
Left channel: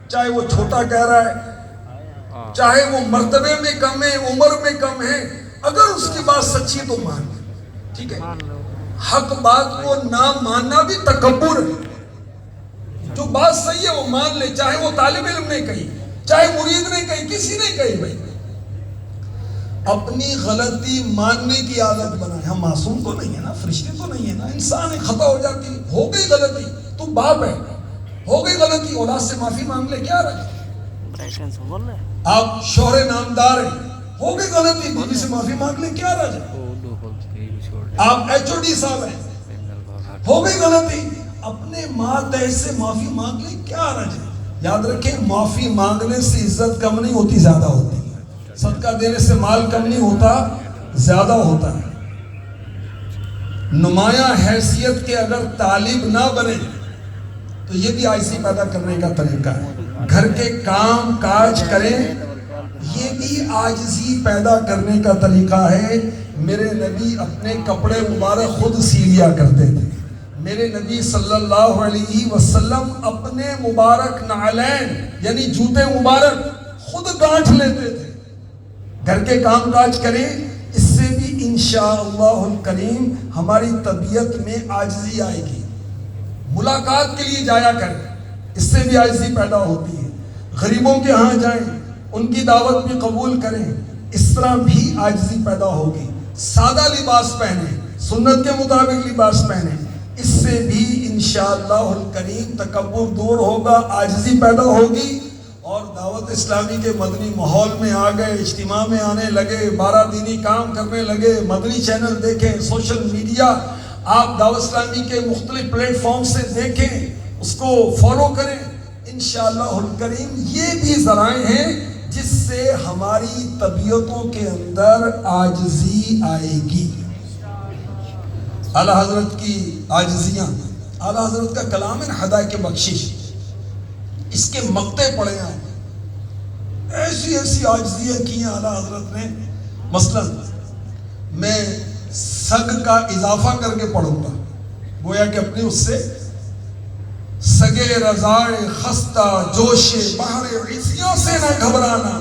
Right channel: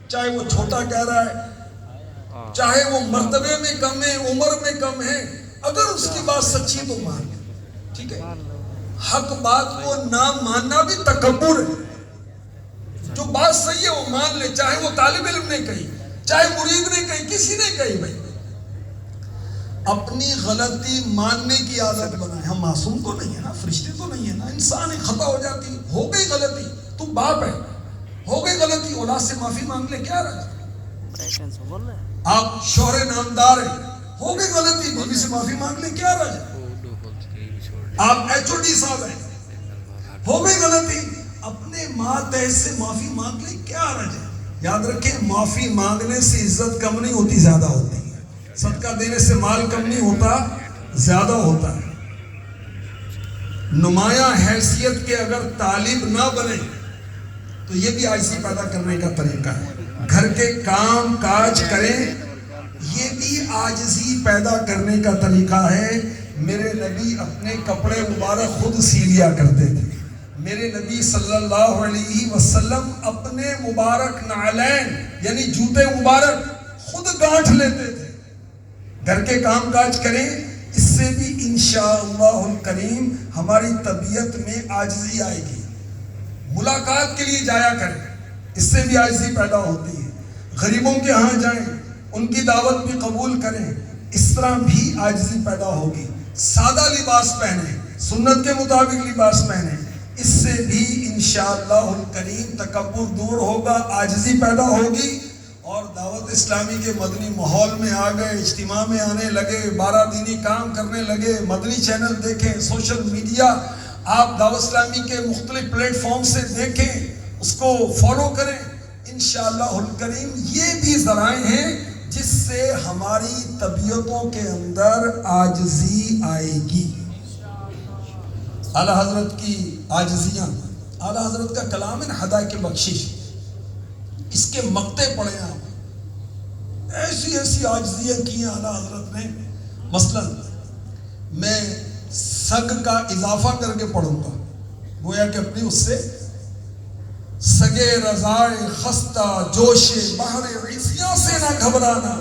چاہے وہ چھوٹا کہہ رہا ہے، چاہے وہ مرتبے میں کم ہے، عمر میں کم ہے، اگر اس کی بات سچی تو مان لے، ٹھیک ہے۔ حق بات کو نہ ماننا بھی تکبر ہے۔ جو بات صحیح ہے وہ مان لے، چاہے وہ طالب علم نے کہی، چاہے مرید نے کہی، کسی نے کہی، بھائی اپنی غلطی ماننے کی عادت بنائے۔ ہم معصوم تو نہیں ہے نا، فرشتے تو نہیں ہے نا، انسان ہی خطا ہو جاتی، ہو گئی غلطی، تو باپ ہے، ہو گئی غلطی، اولاد سے معافی مانگ لے، کیا رہا؟ آپ شوہر نامدار ہیں، ہو گئی غلطی، بیوی سے معافی مانگ لے، کیا رہا؟ آپ HOD صاحب ہیں، ہو گئی غلطی، اپنے ماتحت سے معافی مانگ لے، کیا رہا؟ یاد رکھیں، معافی مانگنے سے عزت کم نہیں ہوتی، زیادہ ہوتی ہے۔ صدقہ دینے سے مال کم نہیں ہوتا، زیادہ ہوتا ہے۔ نمایاں حیثیت کے اگر طالب نہ بنے تو یہ بھی عاجزی پیدا کرنے کا طریقہ ہے۔ گھر کے کام کاج کریں، یہ بھی عاجزی پیدا کرنے کا طریقہ ہے۔ میرے نبی اپنے کپڑے مبارک خود سی لیا کرتے تھے۔ میرے نبی صلی اللہ علیہ وسلم اپنے مبارک نعلین یعنی جوتے مبارک خود گانٹھ لیتے تھے۔ گھر کے کام کاج کریں، اس سے بھی انشاءاللہ الکریم ہماری طبیعت میں عاجزی آئے گی۔ ملاقات کے لیے جایا کریں، اس سے بھی عاجزی پیدا ہوتی ہے۔ غریبوں کے ہاں جائیں، ان کی دعوت بھی قبول کریں، اس طرح بھی عاجزی پیدا ہوگی۔ سادہ لباس پہنیں، سنت کے مطابق لباس پہنیں، اس سے بھی انشاءاللہ الکریم تکبر دور ہوگا، عاجزی پیدا ہوگی۔ اور دعوت اسلامی کے مدنی ماحول میں آ گئے، اجتماع میں آنے لگے، 12 دینی کام کرنے لگے، مدنی چینل دیکھیں، سوشل میڈیا آپ دعوت اسلامی کے مختلف پلیٹ فارم سے دیکھیں، اس کو فالو کریں، انشاءاللہ الکریم یہ بھی ذرائع ہیں جس سے ہماری طبیعتوں کے اندر عاجزی آئے گی۔ اعلیٰ حضرت کی عاجزیاں، اعلیٰ حضرت کا کلام ہے ہدایت کی بخشش، اس کے مقطع پڑھے ہیں، ایسی عاجزیاں کی ہیں اعلیٰ حضرت نے۔ مثلا میں سگ کا اضافہ کر کے پڑھوں گا، گویا کہ اپنی اس سے سگے رضائے خستہ جوش بحر عصیاں سے نہ گھبرانا،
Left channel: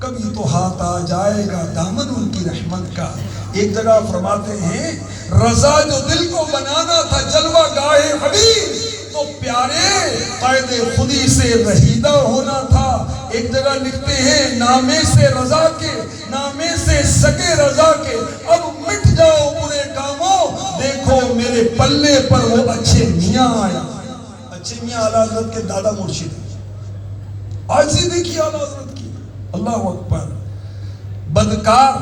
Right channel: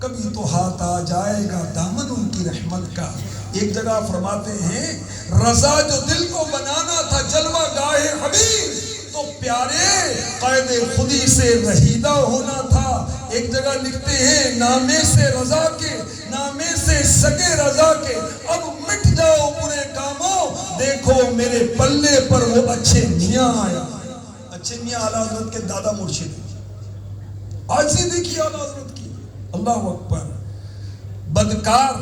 کبھی تو ہاتھ آ جائے گا دامن ان کی رحمت کا۔ ایک جگہ فرماتے ہیں رضا جو دل کو بنانا تھا جلوہ گاہ حبیب، تو پیارے قید خودی سے رہیدہ ہونا تھا۔ ایک جگہ لکھتے ہیں نامے سے رضا کے، نامے سے سگے رضا کے، اب مٹ جاؤ برے کاموں، دیکھو میرے پلے پر وہ اچھے میاں آیا۔ اچھے میاں اعلیٰ حضرت کے دادا مرشد، عاجزی دیکھیے اعلیٰ حضرت کی، اللہ اکبر۔ بدکار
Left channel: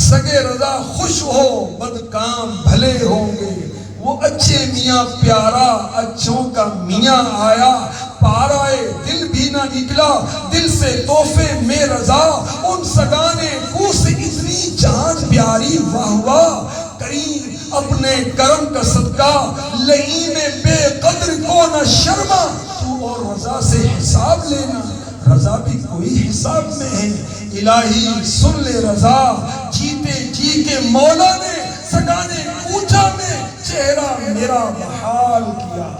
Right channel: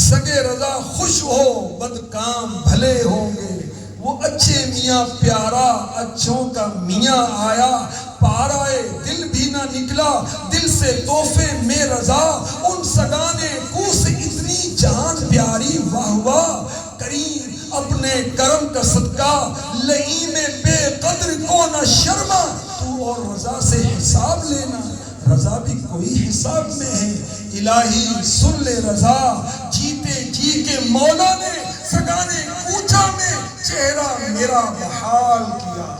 سگے رضا خوش ہو، بدکام بھلے ہوں گے، وہ اچھے میاں پیارا اچھوں کا میاں آیا، پارائے دل بھی نہ نکلا دل سے تحفے میں رضا، ان سگانے کو سے اتنی جان پیاری، واہ واہ کریم اپنے کرم کا صدقہ، لئیم بے قدر کو نہ شرما، تو اور رضا سے حساب لینا، رضا بھی کوئی حساب میں ہے، الہی سن لے رضا، جیتے جی کے مولا نے سگانے کوچا میں چہرہ میرا بحال کیا۔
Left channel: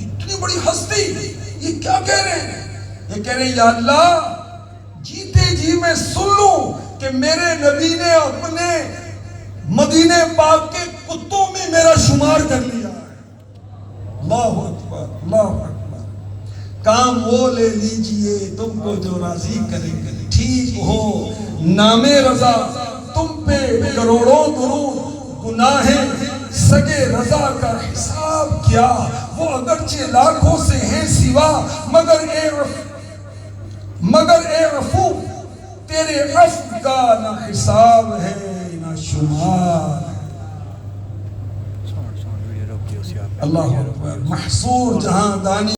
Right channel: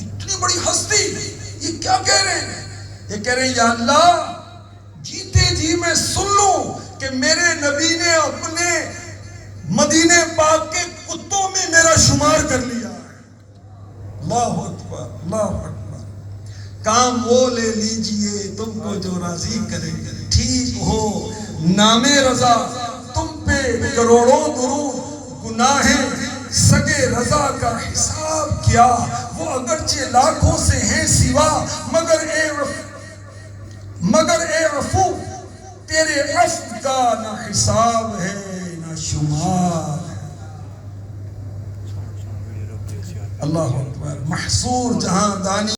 اتنی بڑی ہستی، یہ کیا کہہ رہے ہیں؟ یہ کہہ رہے ہیں یا اللہ جیتے جی میں سن لوں کہ میرے نبی نے اپنے مدینے پاک کے کتوں میں میرا شمار کر لیا۔ اللہ اکبر، اللہ اکبر۔ کام وہ لے لیجئے تم کو جو راضی کرے، ٹھیک ہو نام رضا تم پہ کروڑوں درود، گناہیں سگے رضا کا حساب کیا، وہ اگرچہ لاکھوں سے ہیں سوا، مگر اے عفو تیرے عفو کا نہ حساب ہے نہ شمار۔ اللہ اکبر۔ محصور جہاں دانی